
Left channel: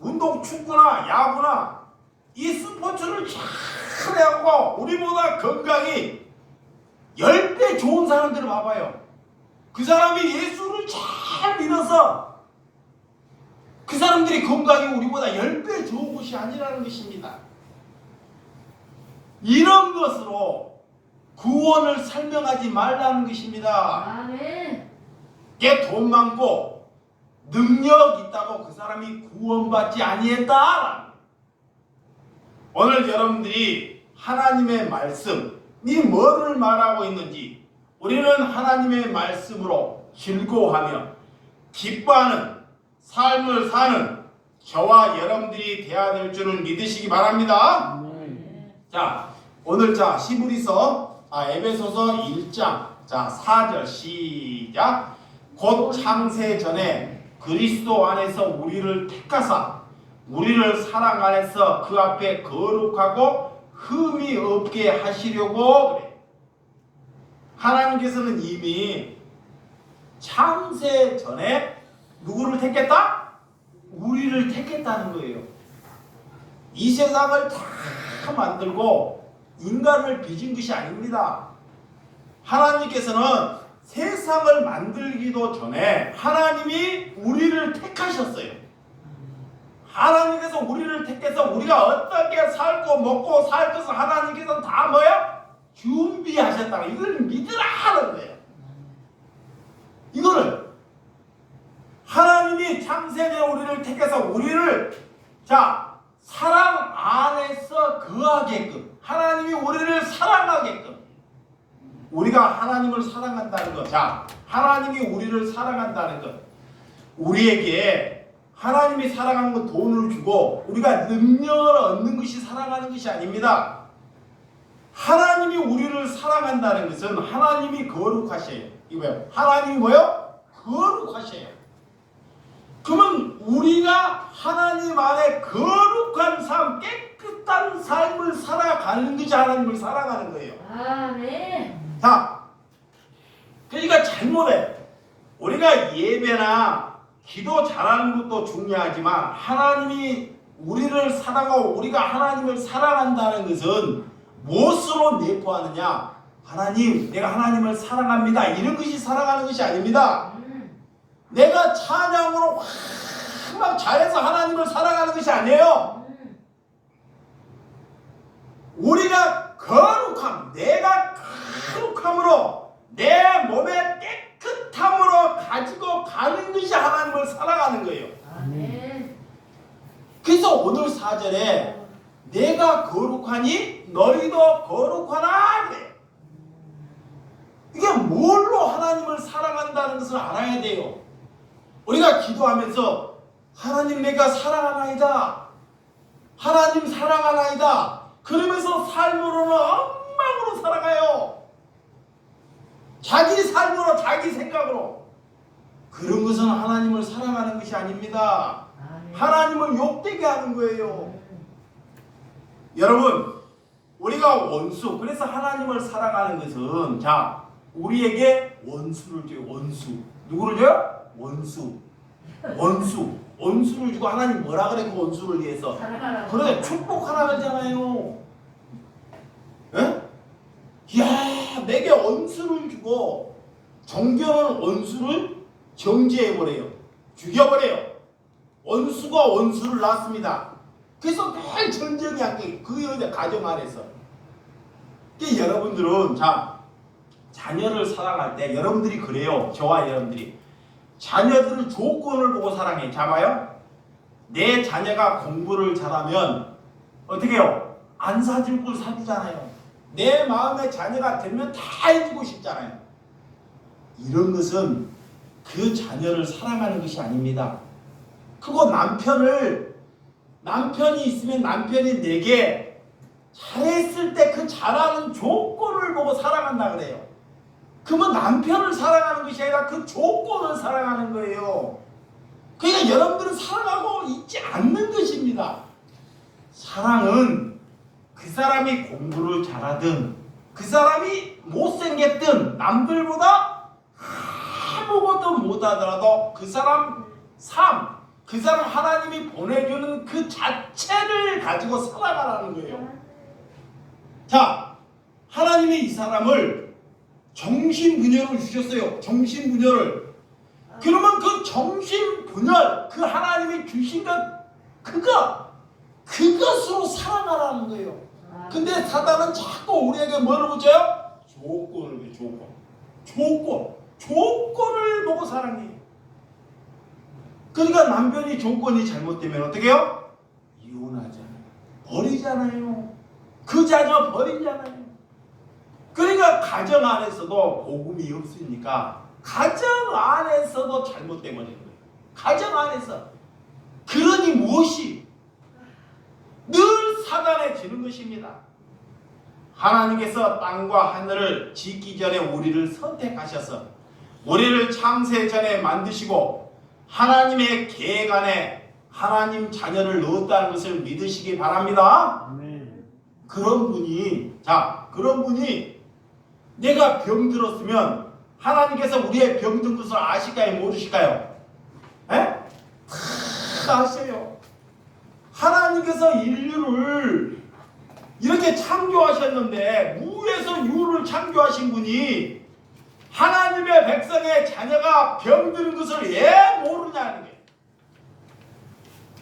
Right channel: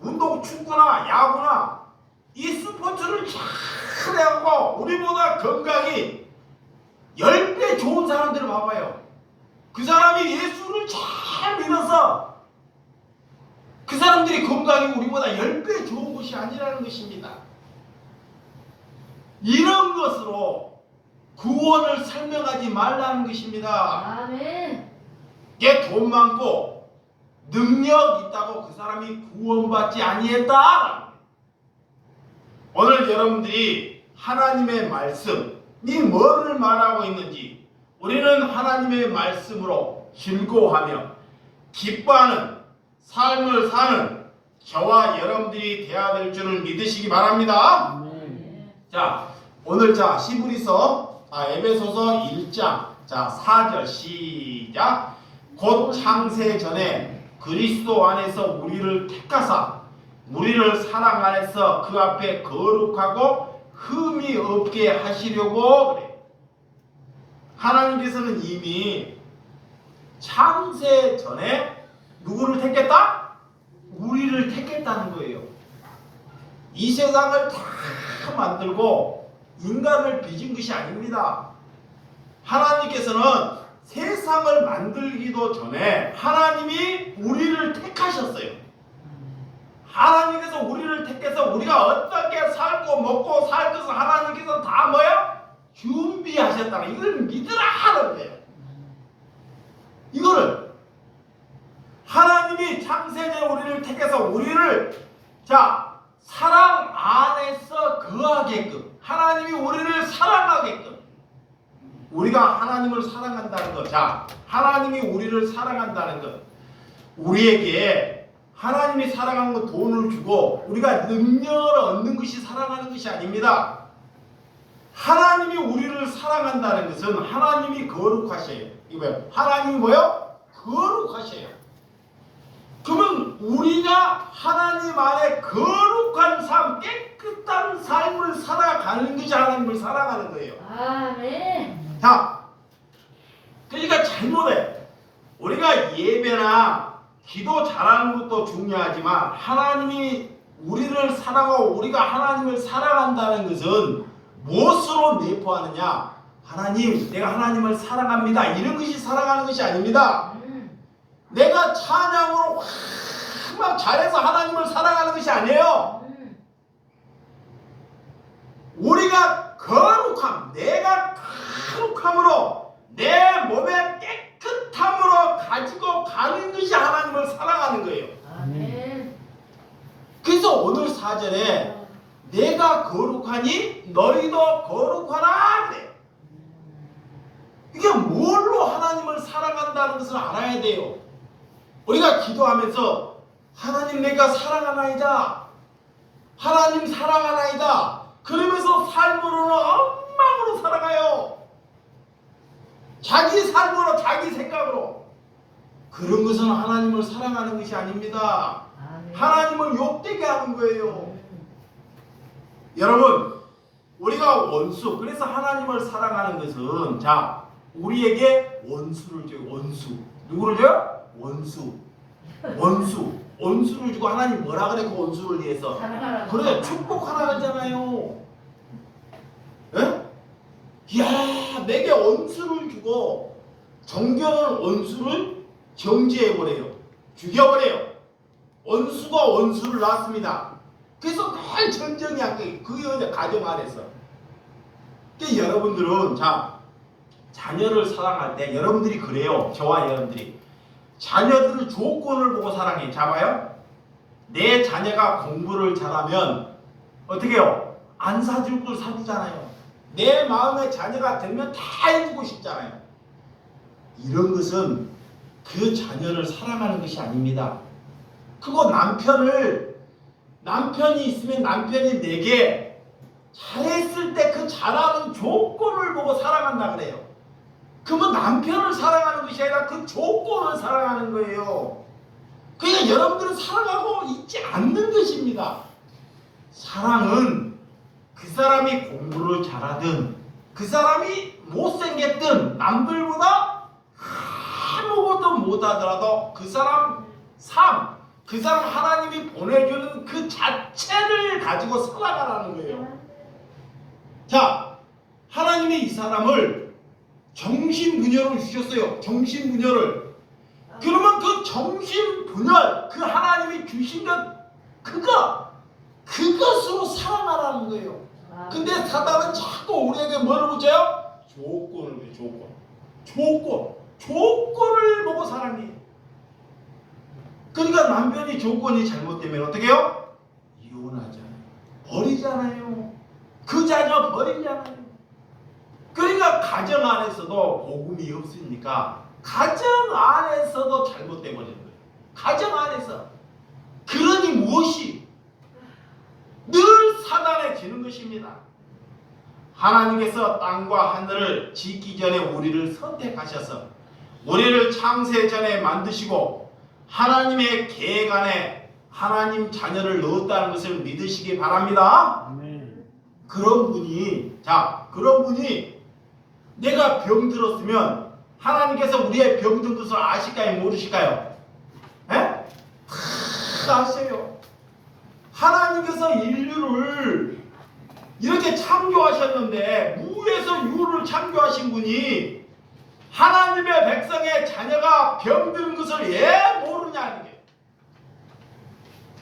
운동, 축구나 야구나 이 스포츠를 잘 해갖고 우리보다 건강이 10배 좋은 사람들을 봐봐요. 그 사람이 예수를 잘 믿어서 그 사람들이 건강이 우리보다 10배 좋은 것이 아니라는 것입니다. 이런 것으로 구원을 설명하지 말라는 것입니다. 아멘. 얘 돈 많고 능력 있다고 그 사람이 구원받지 아니했다. 오늘 여러분들이 하나님의 말씀이 뭐를 말하고 있는지 우리는 하나님의 말씀으로 즐거워하며 기뻐하는 삶을 사는 저와 여러분들이 되어야 될 줄을 믿으시기 바랍니다. 아멘. 자, 오늘 히브리서 에베소서 1장 4절 시작. 곧 창세 전에 그리스도 안에서 우리를 택하사 우리를 사랑 안에서 그 앞에 거룩하고 흠이 없게 하시려고 그래. 하나님께서는 이미 창세 전에 누구를 택했다? 우리를 택했다는 거예요. 이 세상을 다 만들고 인간을 빚은 것이 아닙니다. 하나님께서는 세상을 만들기도 전에 하나님이 우리를 택하셨어요. 하나님께서 우리를 택해서 우리가 어떻게 살고 먹고 살 것을 하나님께서 다 뭐야? 준비하셨다는 이걸 믿으라 하는 거예요. 이거를 하나님이 창세전에 우리를 택해서 우리를 사랑 안에서 거하게끔 하나님이 우리를 사랑하게끔 우리가 하나님을 사랑한다는 것. 하나님이 우리를 사랑한다는 것. 우리에게 하나님이 사랑하는 것 돈을 주고 우리가 능력을 얻는 것이 사랑하는 것이 아닙니다. 하나님이 우리를 사랑한다는 것은 하나님이 거룩하셔요. 이거 뭐예요? 하나님이 뭐요? 거룩하셔요. 그러면 우리가 하나님 안에 거룩한 삶, 깨끗한 삶을 살아가는 것이 하나님을 사랑하는 거예요. 아멘. 그러니까 잘못해. 우리가 예배나 기도 잘하는 것도 중요하지만 하나님이 우리를 사랑하고 우리가 하나님을 사랑한다는 것은 무엇으로 내포하느냐? 하나님, 내가 하나님을 사랑합니다. 이런 것이 사랑하는 것이 아닙니다. 내가 찬양으로 막 잘해서 하나님을 사랑하는 것이 아니에요. 우리가 거룩함, 내가 거룩함으로 내 몸의 깨끗함으로 가지고 가는 것이 하나님을 사랑하는 거예요. 아멘. 그래서 오늘 4절에 내가 거룩하니 너희도 거룩하라 그래. 이게 뭘로 하나님을 사랑한다는 것을 알아야 돼요. 우리가 기도하면서 하나님 내가 사랑하나이다. 하나님 사랑하나이다. 그러면서 삶으로는 엉망으로 살아가요. 자기 삶으로 자기 생각으로. 그런 것은 하나님을 사랑하는 것이 아닙니다. 아멘. 하나님을 욕되게 하는 거예요. 여러분, 우리가 원수, 그래서 하나님을 사랑하는 것은 우리에게 원수를 줘요. 원수. 누구를 줘요? 원수. 원수를 주고 하나님 뭐라 그래 그 원수를 위해서? 사랑하라고. 그래 축복하라 하잖아요. 예? 이야 내게 원수를 주고 정결한 원수를 정죄해버려요. 죽여버려요. 원수가 원수를 낳습니다. 그래서 늘 전쟁이 한게 그 가정 안에서. 그러니까 여러분들은 자 자녀를 사랑할 때 여러분들이 그래요. 저와 여러분들이 자녀들은 조건을 보고 사랑해. 잡아요. 내 자녀가 공부를 잘하면 어떻게 해요? 안 사줄 걸 사주잖아요. 내 마음에 자녀가 들면 다 해주고 싶잖아요. 이런 것은 그 자녀를 사랑하는 것이 아닙니다. 그거 남편이 있으면 남편이 내게 잘했을 때 그 잘하는 조건을 보고 사랑한다 그래요. 그러면 남편을 사랑하는 것이 아니라 그 조건을 사랑하는 거예요. 그러니까 여러분들은 사랑하고 있지 않는 것입니다. 사랑은 그 사람이 공부를 잘하든 그 사람이 못생겼든 남들보다 아무것도 못하더라도 그 사람 삶, 그 사람 하나님이 보내주는 그 자체를 가지고 살아가라는 거예요. 자, 하나님이 이 사람을 정신분열을 주셨어요. 정신분열을. 그러면 그 정신분열, 그 하나님이 주신 것, 그것으로 살아가라는 거예요. 근데 사단은 자꾸 우리에게 뭐를 붙여요? 조건을 줘요. 조건을 보고 사랑해요. 그러니까 남편이 조건이 잘못되면 어떻게 해요? 이혼하잖아요. 버리잖아요. 그 자녀 버리잖아요. 그러니까 가정 안에서도 복음이 없으니까 가정 안에서도 잘못돼 버리는 거예요. 가정 안에서. 그러니 무엇이? 늘 사단에 지는 것입니다. 하나님께서 땅과 하늘을 짓기 전에 우리를 선택하셔서 우리를 창세 전에 만드시고 하나님의 계획 안에 하나님 자녀를 넣었다는 것을 믿으시기 바랍니다. 아멘. 그런 분이 내가 병들었으면 하나님께서 우리의 병든 것을 아실까요? 모르실까요? 에? 다 아셔요. 하나님께서 인류를 이렇게 창조하셨는데 무에서 유를 창조하신 분이 하나님의 백성의 자녀가 병드는 것을 왜 모르냐는 게.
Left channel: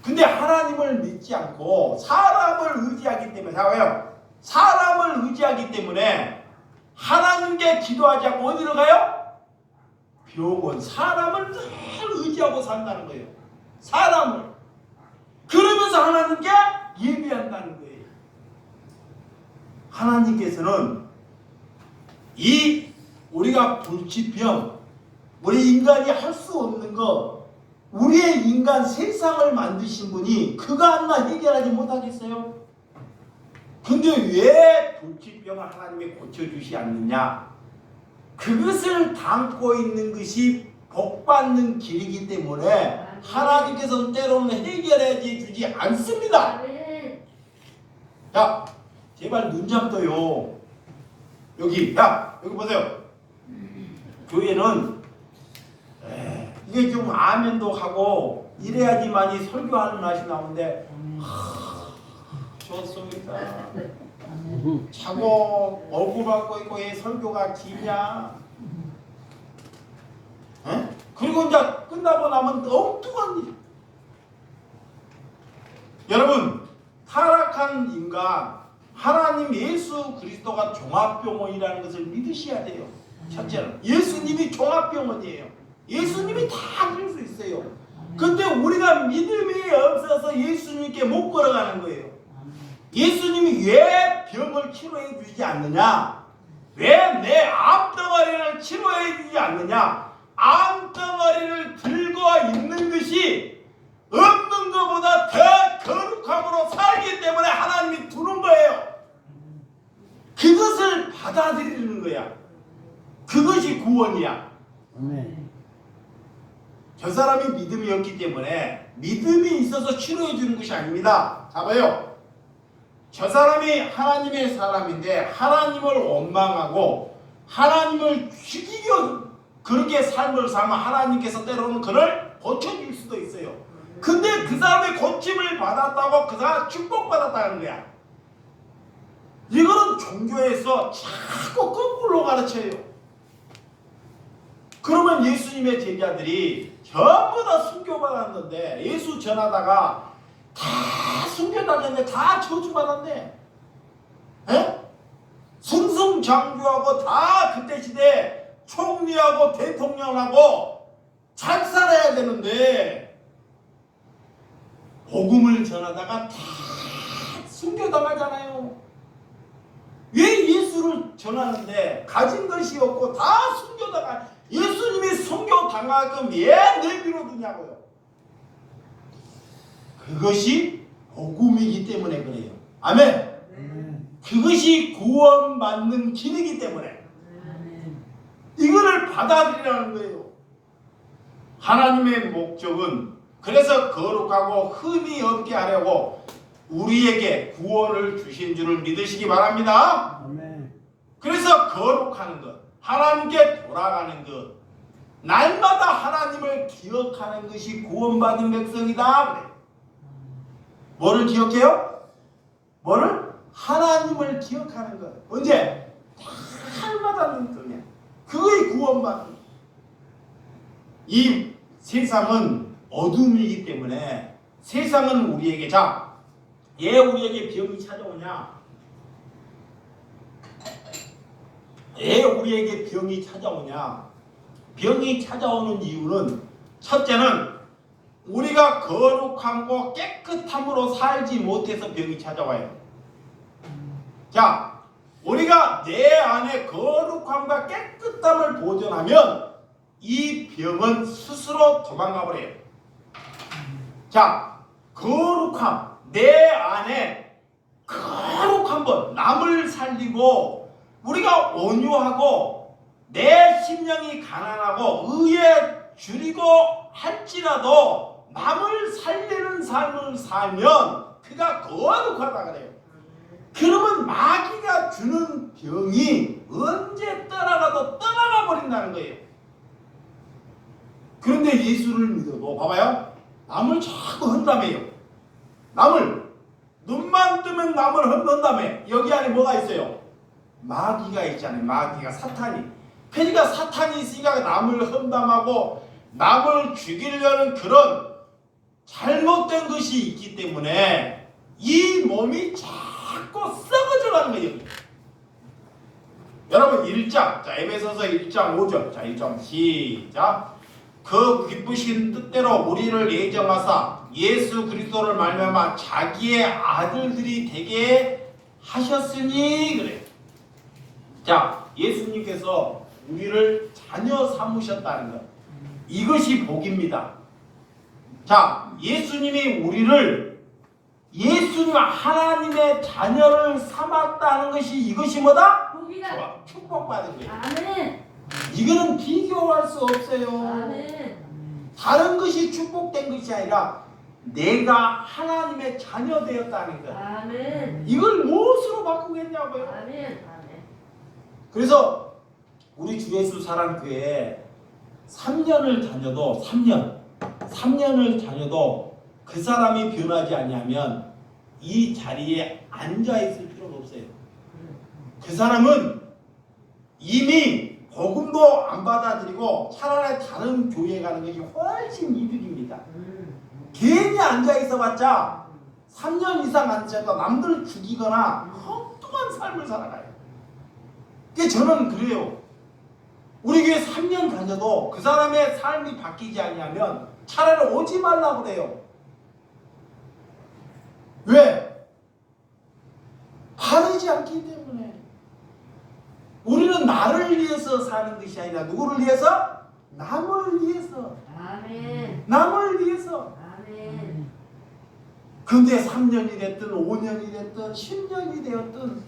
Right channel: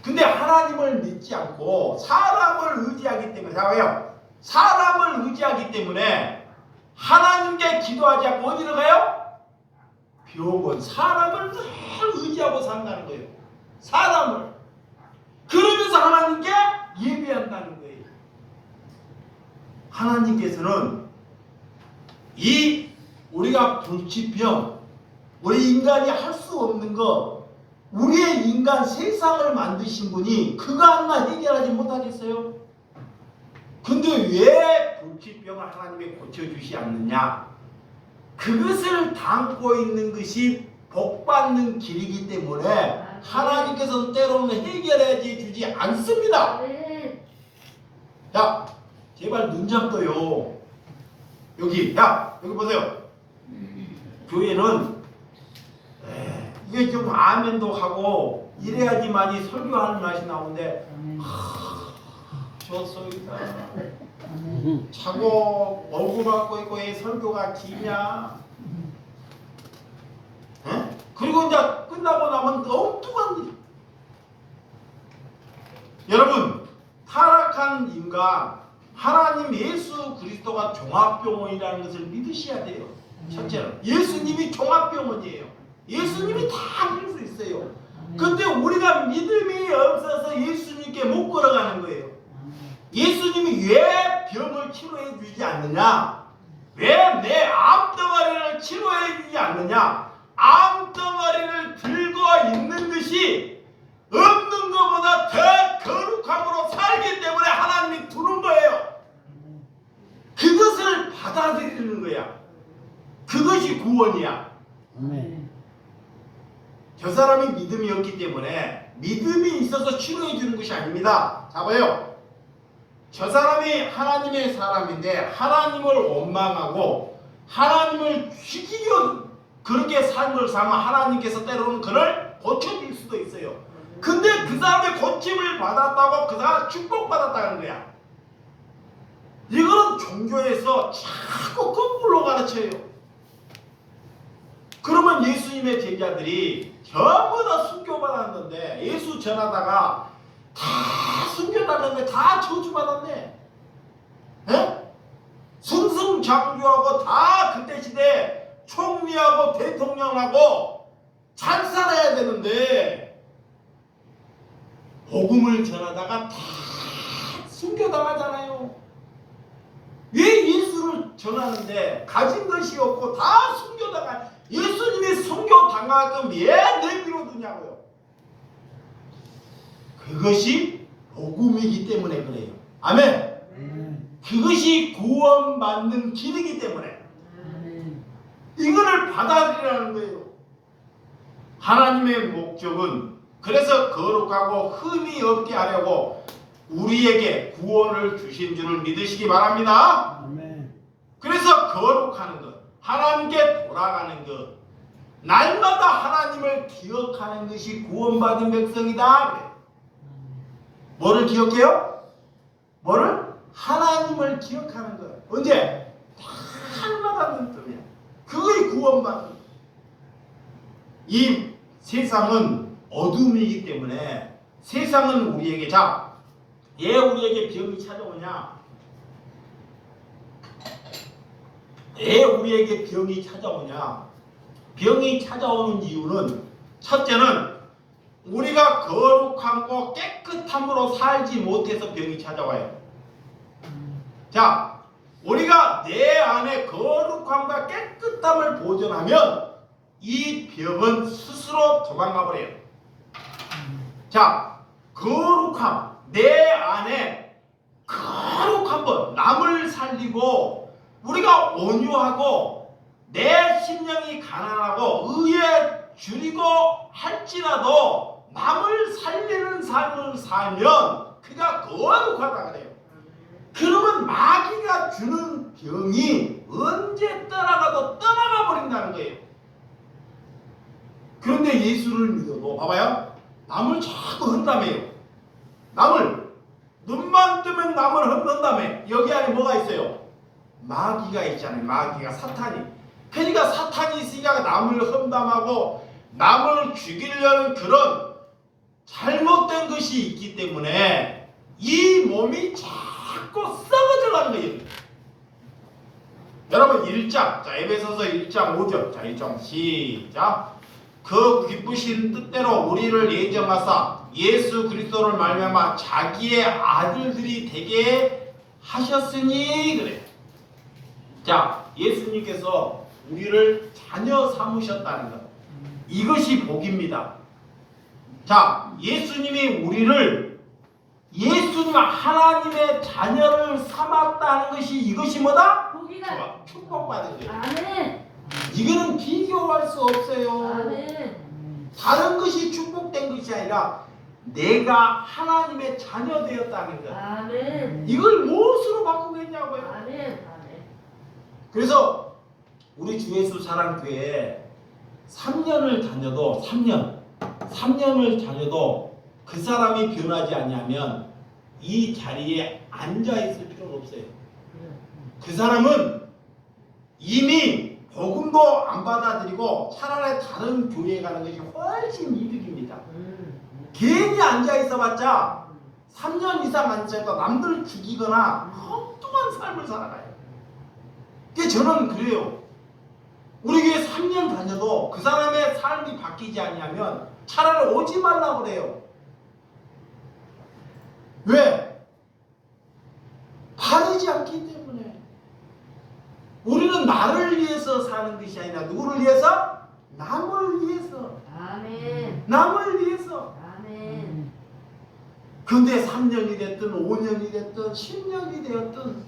근데 하나님을 믿지 않고 사람을 의지하기 때문에 왜요? 사람을 의지하기 때문에 하나님께 기도하지 않고 어디로 가요? 병원. 사람을 늘 의지하고 산다는 거예요. 사람을. 그러면서 하나님께 예배한다는 거예요. 하나님께서는 이 우리가 불치병, 우리 인간이 할 수 없는 거, 우리의 인간 세상을 만드신 분이 그거 하나 해결하지 못하겠어요? 근데 왜 불치병을 하나님이 고쳐주시 않느냐? 그것을 담고 있는 것이 복받는 길이기 때문에 하나님께서는 때로는 해결해 주지 않습니다. 자, 제발 눈 좀 떠요. 여기 보세요. 교회는 이게 좀 아멘도 하고 이래야지만이 설교하는 맛이 나오는데 좋습니다. 자고 얼굴 받고 있고 왜 설교가 기냐? 에? 그리고 이제 끝나고 나면 엉뚱한 일. 여러분, 타락한 인간 하나님 예수 그리스도가 종합병원이라는 것을 믿으셔야 돼요. 첫째는 예수님이 종합병원이에요. 예수님이 다 할 수 있어요. 근데 우리가 믿음이 없어서 예수님께 못 걸어가는 거예요. 예수님이 왜 병을 치료해 주지 않느냐? 왜 내 암덩어리를 치료해 주지 않느냐? 암덩어리를 들고 있는 것이 없는 것보다 더 거룩함으로 살기 때문에 하나님이 두는 거예요. 그것을 받아들이는 거야. 그것이 구원이야. 아멘. 저 사람이 믿음이 없기 때문에 믿음이 있어서 치료해 주는 것이 아닙니다. 자 봐요. 저 사람이 하나님의 사람인데 하나님을 원망하고 하나님을 죽이려 그렇게 삶을 살면 하나님께서 때로는 그를 고쳐질 수도 있어요. 근데 그 사람의 고침을 받았다고 그 사람 축복받았다는 거야. 이거는 종교에서 자꾸 거꾸로 가르쳐요. 그러면 예수님의 제자들이 전부 다 순교받았는데 예수 전하다가 다 순교받았는데 다 저주받았네. 에? 승승장구하고 다 그때 시대 총리하고 대통령하고 잘 살아야 되는데 복음을 전하다가 다 순교당하잖아요. 왜 예수를 전하는데 가진 것이 없고 다 순교당하? 예수님이 순교당하게끔 왜 내비로 두냐고요. 그것이 복음이기 때문에 그래요. 아멘. 그것이 구원받는 길이기 때문에 이거를 받아들이라는 거예요. 하나님의 목적은 그래서 거룩하고 흠이 없게 하려고 우리에게 구원을 주신 줄을 믿으시기 바랍니다. 아멘. 그래서 거룩하는 것, 하나님께 돌아가는 것, 날마다 하나님을 기억하는 것이 구원받은 백성이다. 그래. 뭐를 기억해요? 뭐를? 하나님을 기억하는 것. 언제? 날마다 눈뜨면 그거의 구원받는 것. 이 세상은 어둠이기 때문에 세상은 우리에게 왜 우리에게 병이 찾아오냐? 왜 우리에게 병이 찾아오냐? 병이 찾아오는 이유는 첫째는 우리가 거룩하고 깨끗함으로 살지 못해서 병이 찾아와요. 자, 우리가 내 안에 거룩함과 깨끗함을 보존하면 이 병은 스스로 도망가 버려요. 자, 거룩함, 내 안에 거룩한 것, 남을 살리고 우리가 온유하고 내 심령이 가난하고 의에 줄이고 할지라도 남을 살리는 삶을 살면 그가 거룩하다 그래요. 그러면 마귀가 주는 병이 언제 떠나가도 떠나가 버린다는 거예요. 그런데 예수를 믿어도 봐봐요. 남을 자꾸 헌담해요. 남을 눈만 뜨면 남을 헌담해. 여기 안에 뭐가 있어요? 마귀가 있잖아요. 마귀가 사탄이. 그러니까 사탄이 있으니까 남을 험담하고 남을 죽이려는 그런 잘못된 것이 있기 때문에 이 몸이 자꾸 썩어져 가는 거예요. 여러분 1장, 자 에베소서 1장 5절, 자 1장 시작. 그 기쁘신 뜻대로 우리를 예정하사 예수 그리스도를 말미암아 자기의 아들들이 되게 하셨으니 그래. 자, 예수님께서 우리를 자녀 삼으셨다는 것. 이것이 복입니다. 자, 예수님이 우리를 예수님 하나님의 자녀를 삼았다는 것이 이것이 뭐다? 복이다. 좋아, 축복받은 거예요. 아멘. 이거는 비교할 수 없어요. 아멘. 다른 것이 축복된 것이 아니라 내가 하나님의 자녀 되었다는 것. 아멘. 이걸 무엇으로 바꾸겠냐고요. 아멘. 아멘. 그래서 우리 주 예수 사랑교회에 3년을 다녀도 3년을 다녀도 그 사람이 변하지 않냐면 이 자리에 앉아 있을 필요가 없어요. 그 사람은 이미 복음도 안 받아들이고 차라리 다른 교회에 가는 것이 훨씬 이득입니다. 괜히 앉아 있어봤자 3년 이상 앉아있다 남들을 죽이거나 엉뚱한 삶을 살아가요. 그게 저는 그래요. 우리 교회 3년 다녀도 그 사람의 삶이 바뀌지 않냐면 차라리 오지 말라고 그래요. 왜? 바르지 않기 때문에. 우리는 나를 위해서 사는 것이 아니라 누구를 위해서? 남을 위해서. 아멘. 남을 위해서. 아멘. 근데 3년이 됐든 5년이 됐든 10년이 되었든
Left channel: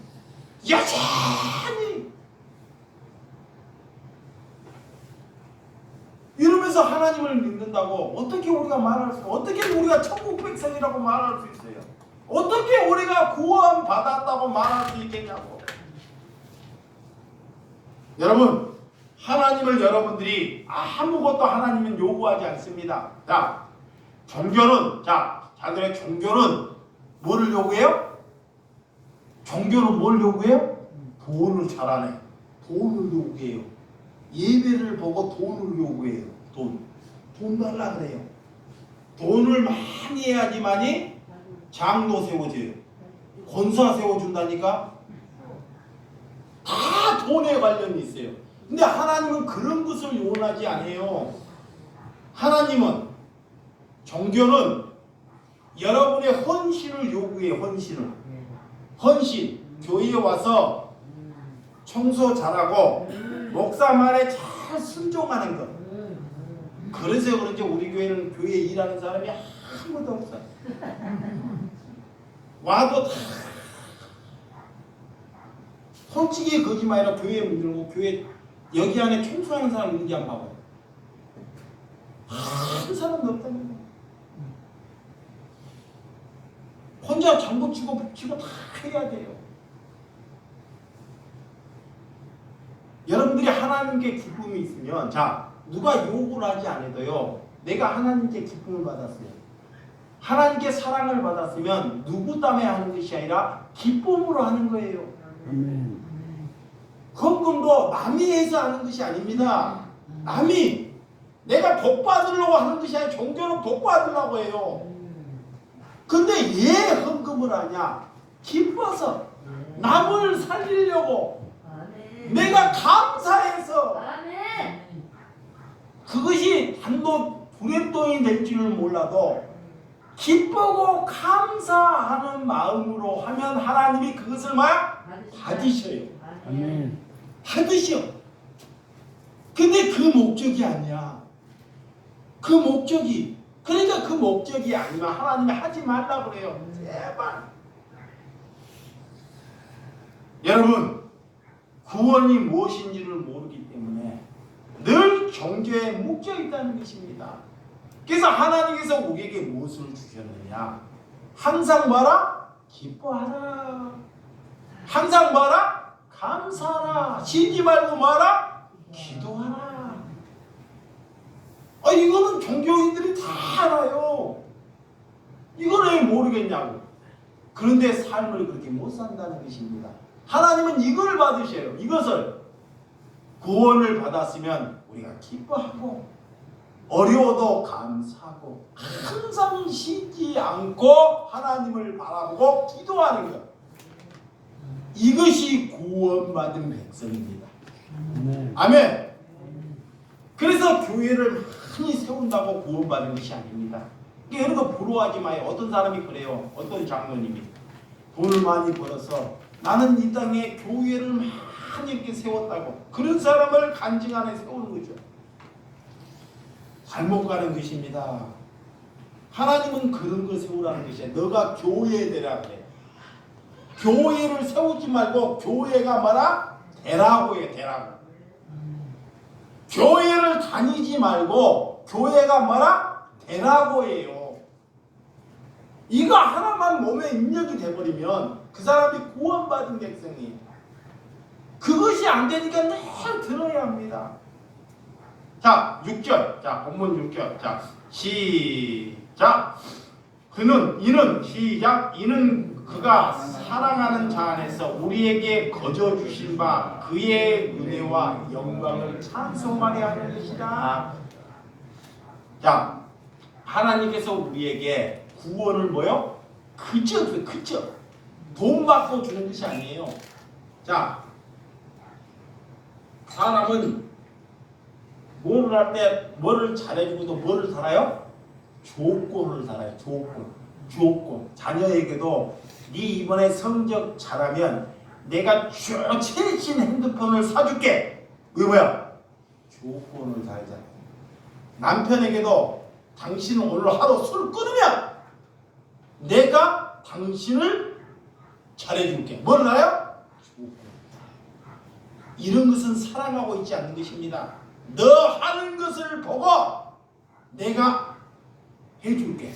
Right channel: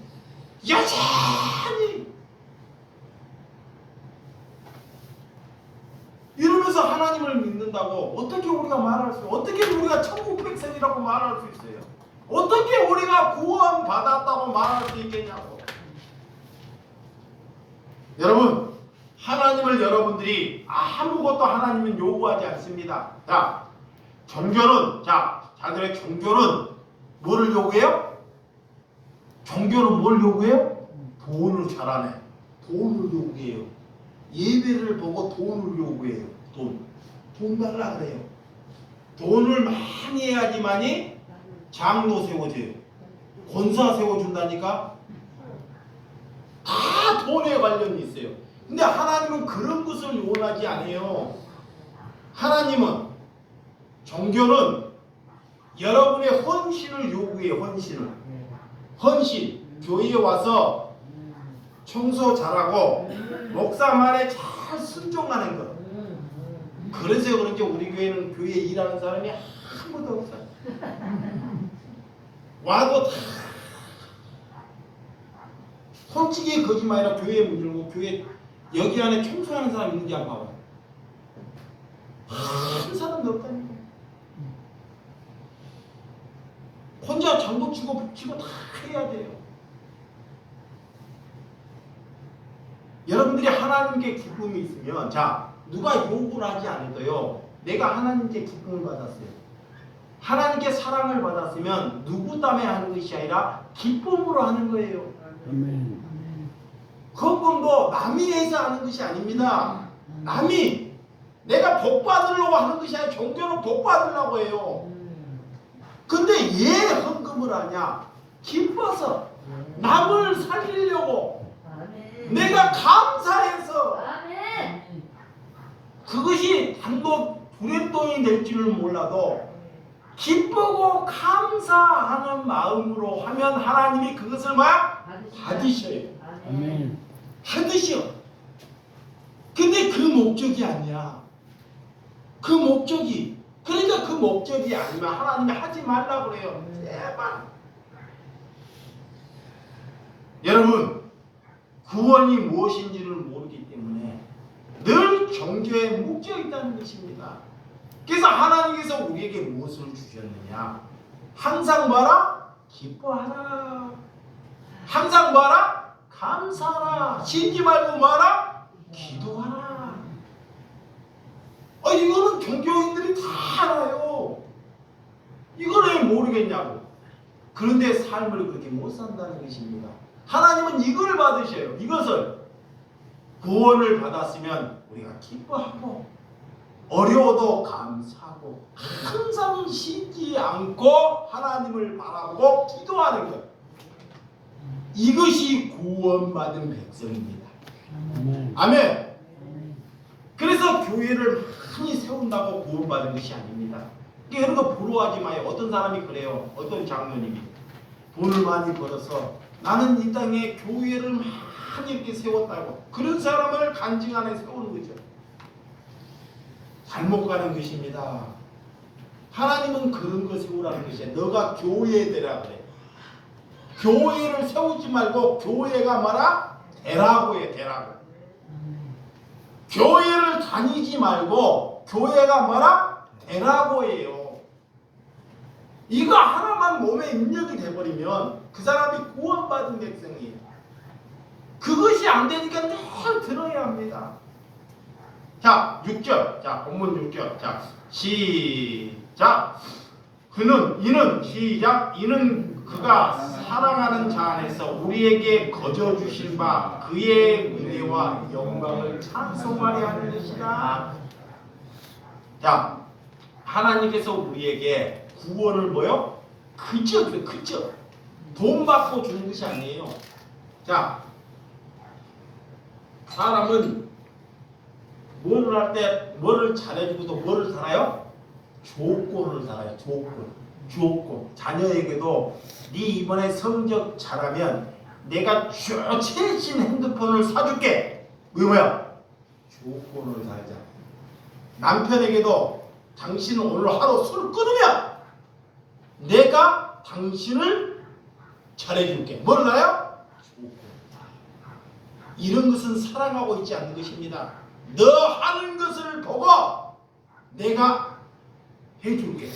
여전히 이러면서 하나님을 믿는다고 어떻게 우리가 말할 수, 어떻게 우리가 천국 백성이라고 말할 수 있어요? 어떻게 우리가 구원 받았다고 말할 수 있겠냐고. 여러분, 하나님을 여러분들이 아무것도 하나님은 요구하지 않습니다. 자, 종교는 자들의 종교는 뭐를 요구해요? 종교는 뭘 요구해요? 돈을 잘하네. 돈을 요구해요. 예배를 보고 돈을 요구해요. 돈 달라 그래요. 돈을 많이 해야지만이 장로 세워줘요. 권사 세워준다니까. 다 돈에 관련이 있어요. 근데 하나님은 그런 것을 원하지 않아요. 하나님은 종교는 여러분의 헌신을 요구해요. 헌신. 교회에 와서 청소 잘하고 목사 말에 잘 순종하는 것. 그래서 그런지 우리 교회는 교회에 일하는 사람이 아무도 없어요. 와도 다 솔직히 거짓말이라 교회에 문 열고 교회 여기 안에 청소하는 사람 있는지 한번 봐봐요. 한 사람도 없다니까. 혼자 장구 치고 붙이고 다 해야 돼요. 여러분들이 하나님께 기쁨이 있으면 누가 욕을 하지 않아도요. 내가 하나님께 기쁨을 받았어요. 하나님께 사랑을 받았으면 누구 때문에 하는 것이 아니라 기쁨으로 하는 거예요. 아멘. 헌금도 남이 해서 하는 것이 아닙니다. 남이 내가 복 받으려고 하는 것이 아니라 종교는 복 받으려고 해요. 근데 왜 헌금을 하냐? 기뻐서 남을 살리려고 내가 감사해서 그것이 단독 불행돈이 될 줄은 몰라도 기쁘고 감사하는 마음으로 하면 하나님이 그것을 받으셔요. 아멘. 받으셔. 근데 그 목적이 아니야. 그 목적이 그러니까 그 목적이 아니면 하나님이 하지 말라고 그래요. 제발. 여러분 구원이 무엇인지를 모르기 때문에 늘 종교에 묶여 있다는 것입니다. 그래서 하나님께서 우리에게 무엇을 주셨느냐? 항상 뭐라? 기뻐하라. 항상 뭐라? 감사하라. 쉬지 말고 뭐라? 기도하라. 이거는 종교인들이 다 알아요. 이걸 왜 모르겠냐고. 그런데 삶을 그렇게 못 산다는 것입니다. 하나님은 이걸 받으셔요. 이것을 구원을 받았으면 우리가 기뻐하고 어려워도 감사하고 항상 쉬지 않고 하나님을 바라보고 기도하는 것. 이것이 구원받은 백성입니다. 아멘. 아멘. 그래서 교회를 많이 세운다고 구원받은 것이 아닙니다. 여러분 부러워하지 마요. 어떤 사람이 그래요. 어떤 장로님이 돈을 많이 벌어서 나는 이 땅에 교회를 많이 이렇게 세웠다고. 그런 사람을 간증 안에 세우는 거죠. 잘못 가는 것입니다. 하나님은 그런 거 세우라는 것이야. 너가 교회 되라 그래. 교회를 세우지 말고 교회가 뭐라? 되라고 해. 되라고. 교회를 다니지 말고 교회가 뭐라? 되라고 해요. 이거 하나만 몸에 입력이 돼버리면 그 사람이 구원받은 백성이에요. 그것이 안 되니까 늘 들어야 합니다. 자, 6절. 자, 본문 6절. 자, 시작. 이는 그가 사랑하는 자 안에서 우리에게 거저 주신 바 그의 은혜와 영광을 찬송하려 하는 것이다. 자, 하나님께서 우리에게 구원을 뭐요? 그저 돈 받고 주는 것이 아니에요. 자, 사람은 뭐를 할 때 뭐를 잘해주고도 뭐를 살아요? 조건을 살아요. 조건. 자녀에게도 네 이번에 성적 잘하면 내가 최신 핸드폰을 사줄게. 뭐야? 조건을 살잖아요. 남편에게도 당신 오늘 하루 술 끊으면 내가 당신을 잘해줄게. 뭘 알아요? 조건. 이런 것은 사랑하고 있지 않는 것입니다. 너 하는 것을 보고 내가 해줄게.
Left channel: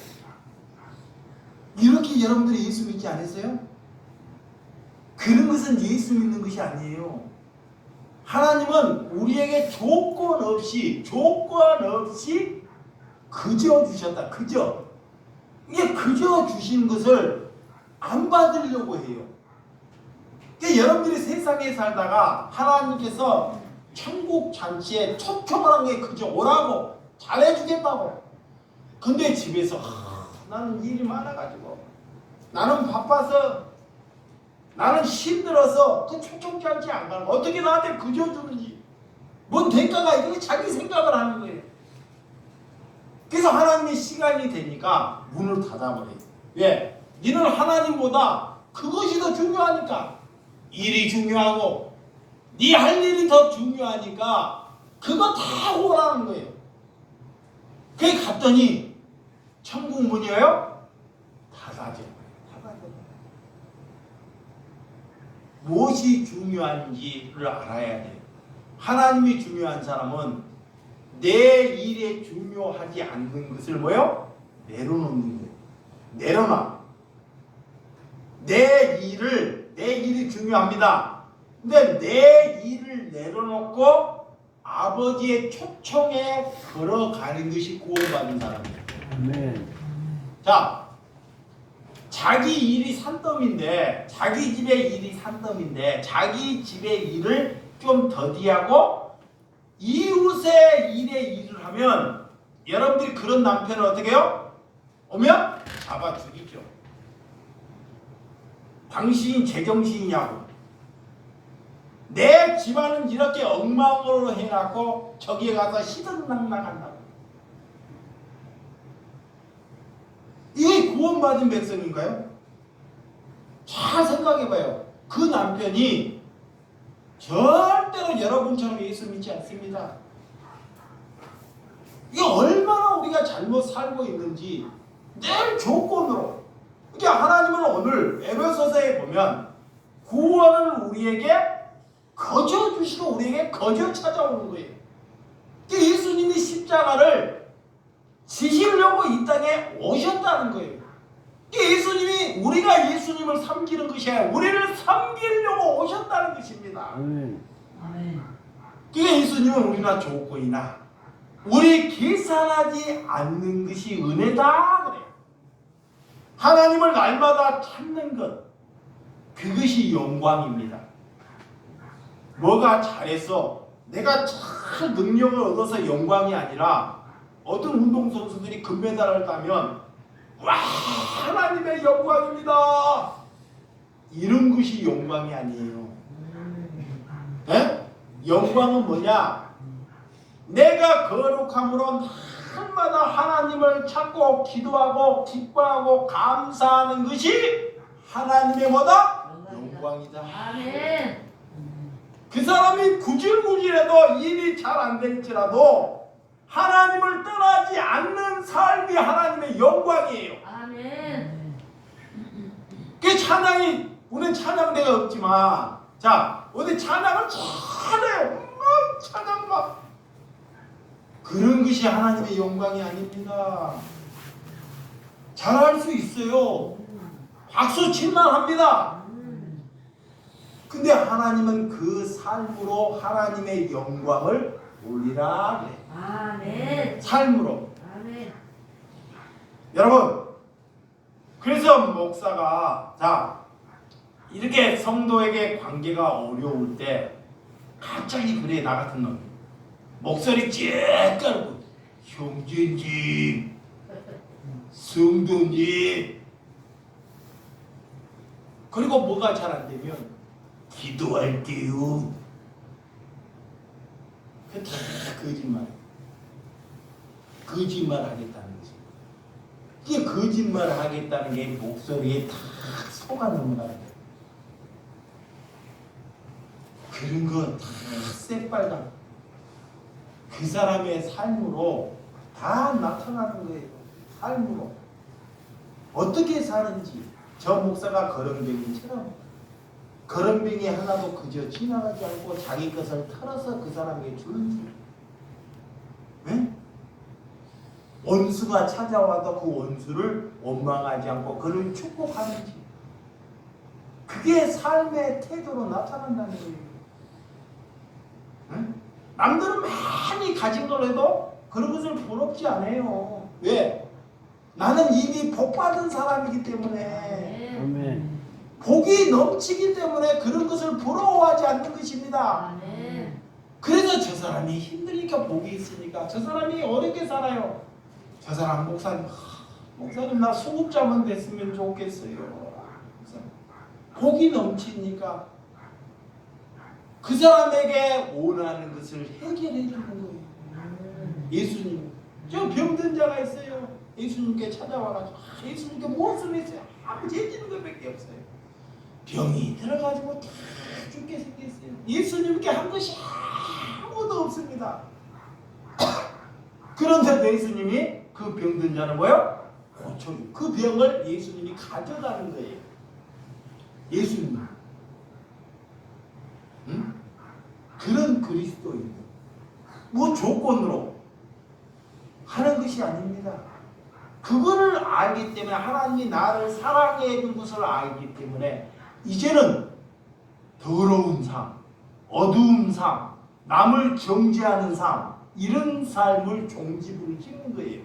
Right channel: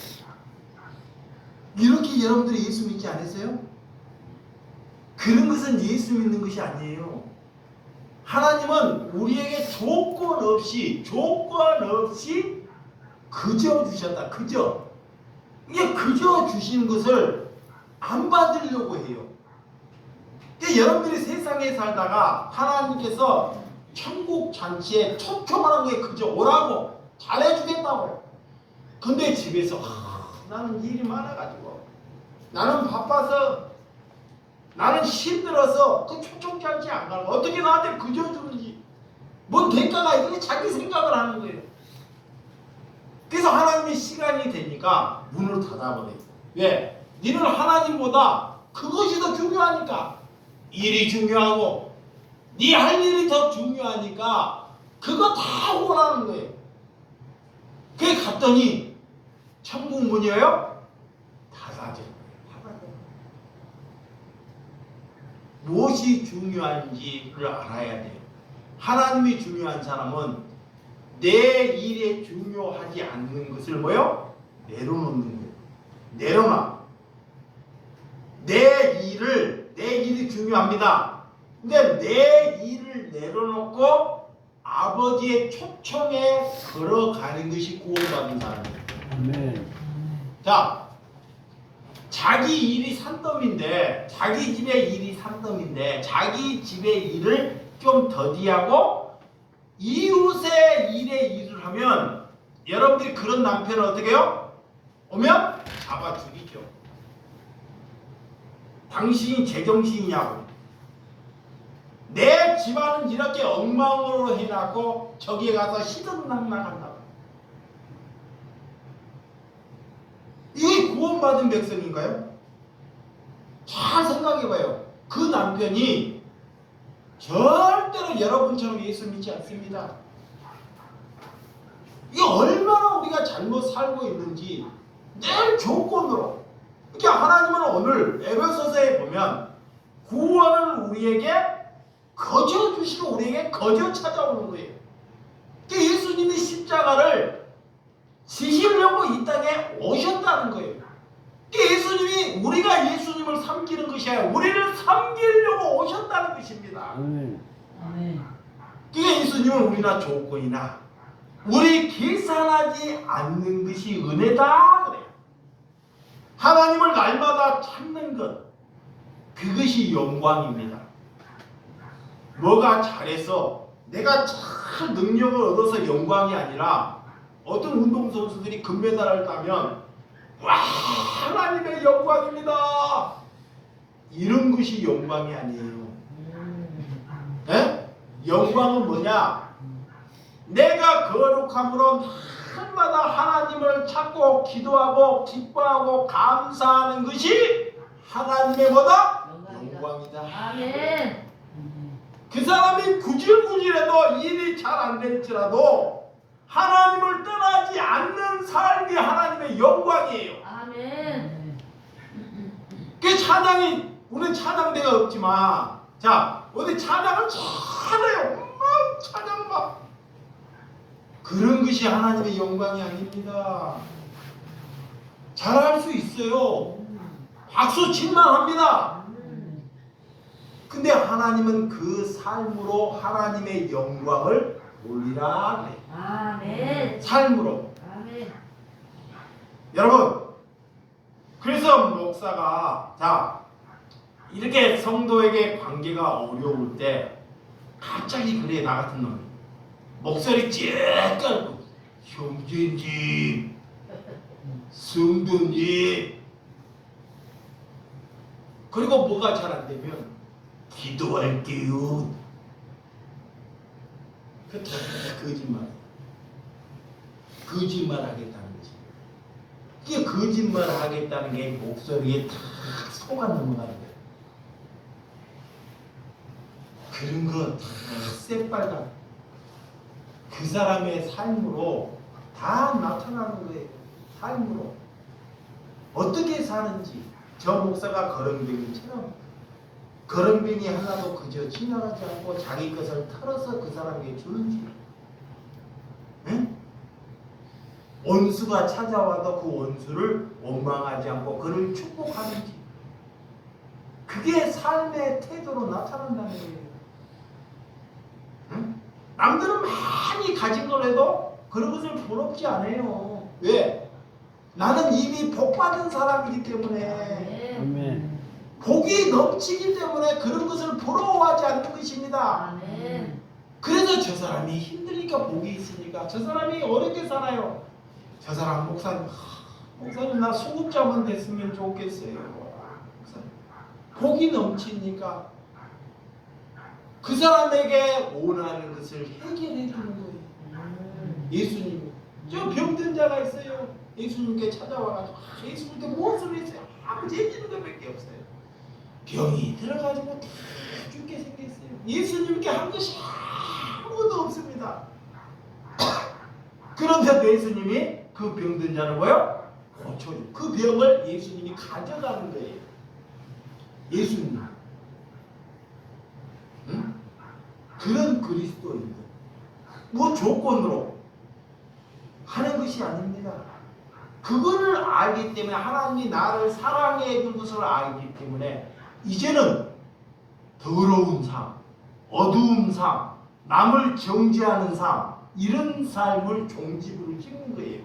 이렇게 여러분들이 예수 믿지 않으세요? 그런 것은 예수 믿는 것이 아니에요. 하나님은 우리에게 조건 없이 그저 주셨다. 그저. 이게 그저 주신 것을 안 받으려고 해요. 그러니까 여러분들이 세상에 살다가 하나님께서 천국 잔치에 촘촘한 게 그저 오라고 잘해주겠다고. 근데 집에서 나는 일이 많아가지고 나는 바빠서 나는 힘들어서 그 촘촘치 않지 안 가는 거 어떻게 나한테 그저 주는지 뭔 대가가 있는지 자기 생각을 하는 거예요. 그래서 하나님의 시간이 되니까 문을 닫아버려요. 왜? 너는 하나님보다 그것이 더 중요하니까. 일이 중요하고 네 할 일이 더 중요하니까 그거 다 오라는 거예요. 그게 갔더니 천국 문이요? 닫아져. 무엇이 중요한지를 알아야 돼요. 하나님이 중요한 사람은 내 일에 중요하지 않는 것을 뭐요? 내려놓는 거예요. 내려놔. 내 일이 중요합니다. 근데 내 일을 내려놓고 아버지의 초청에 걸어가는 것이 구원받은 사람이에요. 아멘. 자, 자기 일이 산더미인데, 자기 집의 일이 산더미인데, 자기 집의 일을 좀 더디하고 이웃의 일에 일을 하면 여러분들이 그런 남편을 어떻게 해요? 오면 잡아 죽이죠. 당신이 제정신이냐고. 내 집안은 이렇게 엉망으로 해놨고 저기에 가서 시든낙낙한다고. 이게 구원받은 백성인가요? 잘 생각해봐요. 그 남편이 절대로 여러분처럼 예수 믿지 않습니다. 이게 얼마나 우리가 잘못 살고 있는지 늘 조건으로. 그러니까 하나님은 오늘 에베소서에 보면 구원을 우리에게 거저 주시고 우리에게 거저 찾아오는 거예요. 그러니까 예수님이 십자가를 지시려고 이 땅에 오셨다는 거예요. 그러니까 예수님이 우리가 예수님을 섬기는 것이 아니라 우리를 섬기려고 오셨다는 것입니다. 아멘. 그러니까 예수님은 우리나 조건이나 우리 계산하지 않는 것이 은혜다 그래요. 하나님을 날마다 찾는 것, 그것이 영광입니다. 뭐가 잘해서 내가 잘 능력을 얻어서 영광이 아니라 어떤 운동선수들이 금메달을 따면 와 하나님의 영광입니다. 이런 것이 영광이 아니에요. 네? 영광은 뭐냐? 내가 거룩함으로 날마다 하나님을 찾고 기도하고 기뻐하고 감사하는 것이 하나님의 뭐다? 영광이다. 아멘. 그 사람이 구질구질해도 일이 잘 안 될지라도 하나님을 떠나지 않는 삶이 하나님의 영광이에요. 아멘. 그 찬양이 우리는 찬양대가 없지만 자 어디 찬양을 잘해요. 막 찬양 막 그런 것이 하나님의 영광이 아닙니다. 잘할 수 있어요. 박수 칠만 합니다. 근데 하나님은 그 삶으로 하나님의 영광을 올리라 그래. 아멘. 삶으로. 아멘. 여러분 그래서 목사가 자 이렇게 성도에게 관계가 어려울 때 갑자기 그래 나 같은 놈 목소리 쬐 깔고 형제님 성도님 그리고 뭐가 잘 안 되면 기도할게요. 그 다 거짓말. 거짓말 하겠다는 거지. 이게 거짓말 하겠다는 게 목소리에 다 속아 넘어가는 거야. 그런 거 다 새빨간 그 사람의 삶으로 다 나타나는 거예요. 삶으로 어떻게 사는지 저 목사가 거렁뱅이처럼 거렁뱅이 하나도 그저 지나가지 않고 자기 것을 털어서 그 사람에게 주는지 네? 원수가 찾아와도 그 원수를 원망하지 않고 그를 축복하는지 그게 삶의 태도로 나타난다는 거예요. 남들은 많이 가진 걸 해도 그런 것을 부럽지 않아요. 왜? 나는 이미 복 받은 사람이기 때문에, 아멘. 아멘. 복이 넘치기 때문에 그런 것을 부러워하지 않는 것입니다. 아멘. 그래서 저 사람이 힘드니까 복이 있으니까 저 사람이 어렵게 살아요. 저 사람 목사님, 목사님 나 수급자만 됐으면 좋겠어요. 목사님. 복이 넘치니까 그 사람에게 원하는 것을 해결해 주는 거예요. 예수님이. 저 병든 자가 있어요. 예수님께 찾아와가지고 예수님께 무엇을 했어요? 아무 재미있는 것밖에 없어요. 병이 들어가지고 다 죽게 생겼어요. 예수님께 한 것이 아무것도 없습니다. 그런데도 예수님이 그 병든 자를 뭐요? 고쳐요. 그 병을 예수님이 가져가는 거예요. 예수님. 응? 그런 그리스도인. 뭐 조건으로 하는 것이 아닙니다. 그거를 알기 때문에 하나님이 나를 사랑해 준 것을 알기 때문에 이제는 더러운 삶, 어두운 삶, 남을 정죄하는 삶, 이런 삶을 종지부를 찍는 거예요.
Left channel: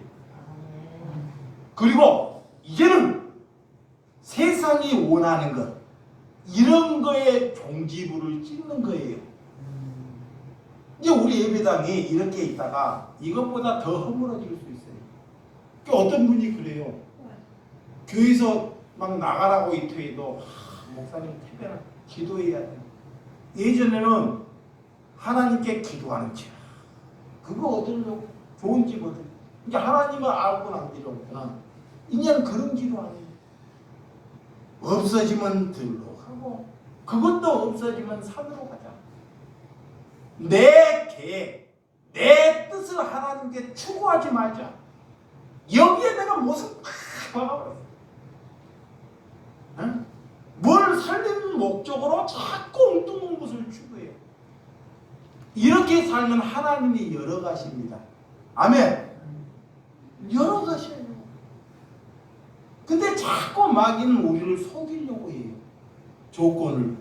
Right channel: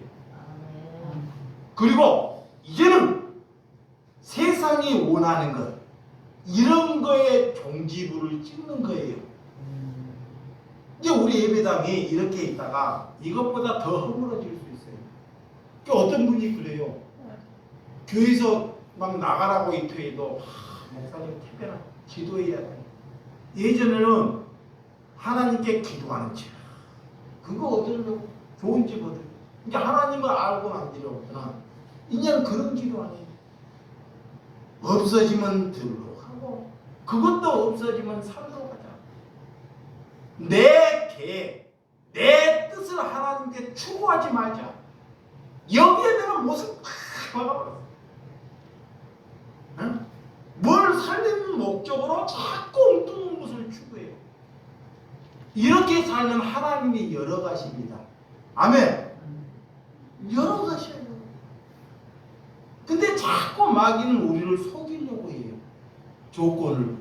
그리고 이제는 세상이 원하는 것, 이런 거에 종지부를 찍는 거예요. 이제 우리 예배당이 이렇게 있다가 이것보다 더 허물어질 수 있어요. 어떤 분이 그래요. 교회에서 막 나가라고 이토해도 목사님 특별한 기도해야 돼. 예전에는 하나님께 기도하는 집, 그거 얻으려고 좋은 집 얻으려고. 이제 하나님을 알고 난 뒤로 이제는 그런 기도 안 해요. 없어지면 들로 가고 그것도 없어지면 산으로 가자. 내 계획, 내 뜻을 하나님께 추구하지 말자. 여기에 내가 무슨 박아버렸어. 응? 뭘 살리는 목적으로 자꾸 엉뚱한 것을 추구해요. 이렇게 살면 하나님이 열어가십니다. 아멘. 열어가셔요. 근데 자꾸 마귀는 우리를 속이려고 해요. 조건을.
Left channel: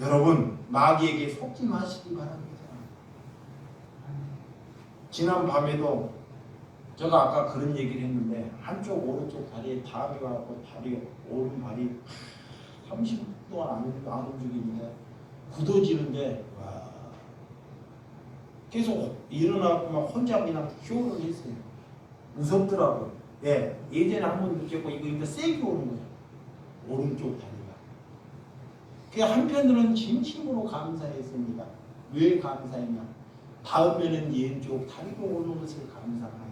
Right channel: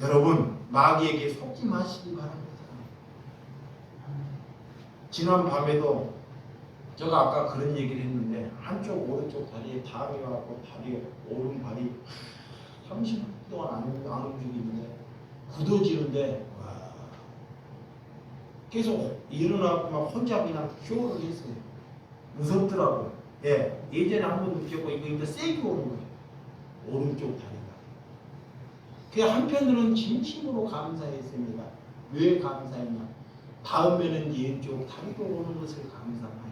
여러분, 마귀에게 속지 마시기 바랍니다. 지난 밤에도 제가 아까 그런 얘기를 했는데 한쪽 오른쪽 다리에 담이 와서 다리 오른발이 30분 동안 안 움직이는데 굳어지는데 와, 계속 일어나고 막 혼자 그냥 쇼를 했어요. 무섭더라고요. 예, 예전에 한번 느꼈고 이거 세게 오는 거예요. 오른쪽 다리가. 그 한편으로는 진심으로 감사했습니다. 왜 감사했냐? 다음에는 왼쪽 다리가 오는 것을 감사합니다.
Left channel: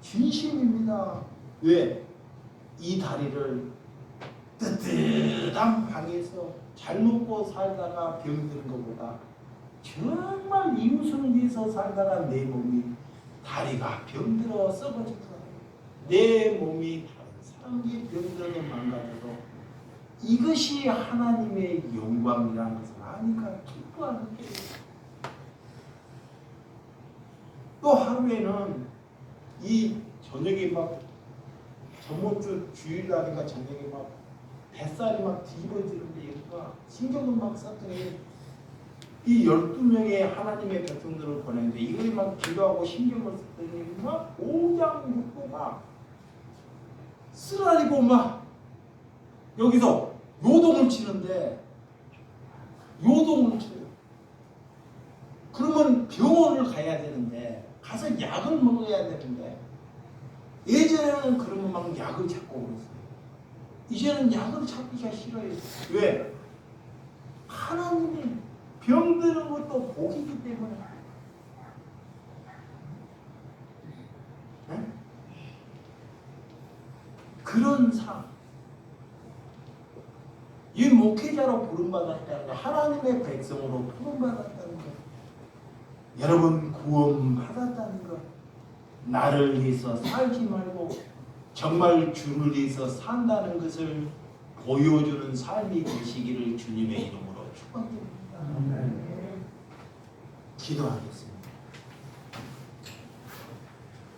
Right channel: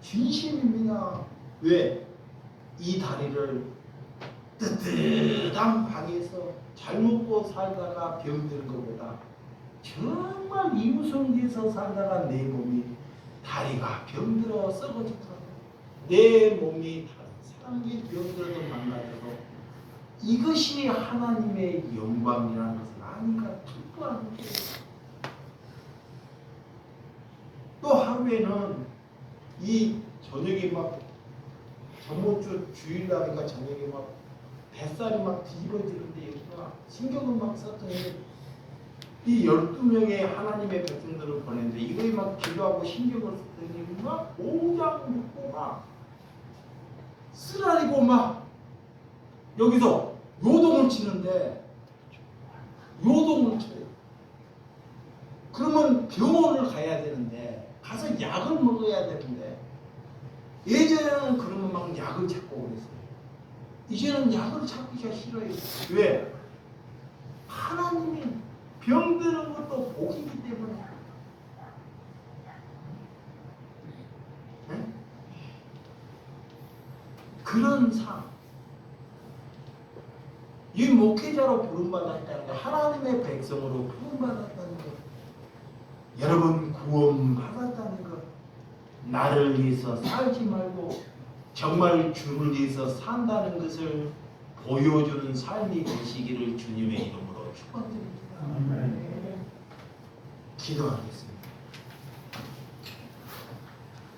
진심입니다. 왜? 이 다리를 뜨뜻한 방에서 잘 먹고 살다가 병든 것보다 정말 이웃을 위해서 살다가 내 몸이 다리가 병들어 썩어지고 내 몸이 다른 사람이 병들어 망가져도 이것이 하나님의 영광이라는 것을 아니까 기뻐하는 거예요. 또 하루에는 이 저녁에 막 저번 주 주일날인가 저녁에 막 뱃살이 막 뒤집어지는데 여기가 신경을 막 썼더니 이 12명의 하나님의 백성들을 보냈는데 이거에 막 기도하고 신경을 썼더니 막 오장 묻고 막 쓰라리고 막 여기서 요동을 치는데 요동을 쳐요. 그러면 병원을 가야 되는데 가서 약을 먹어야 되는데 예전에는 그러면 막 약을 찾고 그랬어요. 이제는 약을 찾기가 싫어요. 왜? 하나님이 병드는 것도 복이기 때문에. 네? 그런 삶. 이 목회자로 부름받았다는 거, 하나님의 백성으로 부름받았다는 거, 여러분 구원받았다는 것, 나를 위해서 살지 말고 정말 주를 위해서 산다는 것을 보여주는 삶이 되시기를 주님의 이름으로 축복드립니다. 아멘. 기도하겠습니다.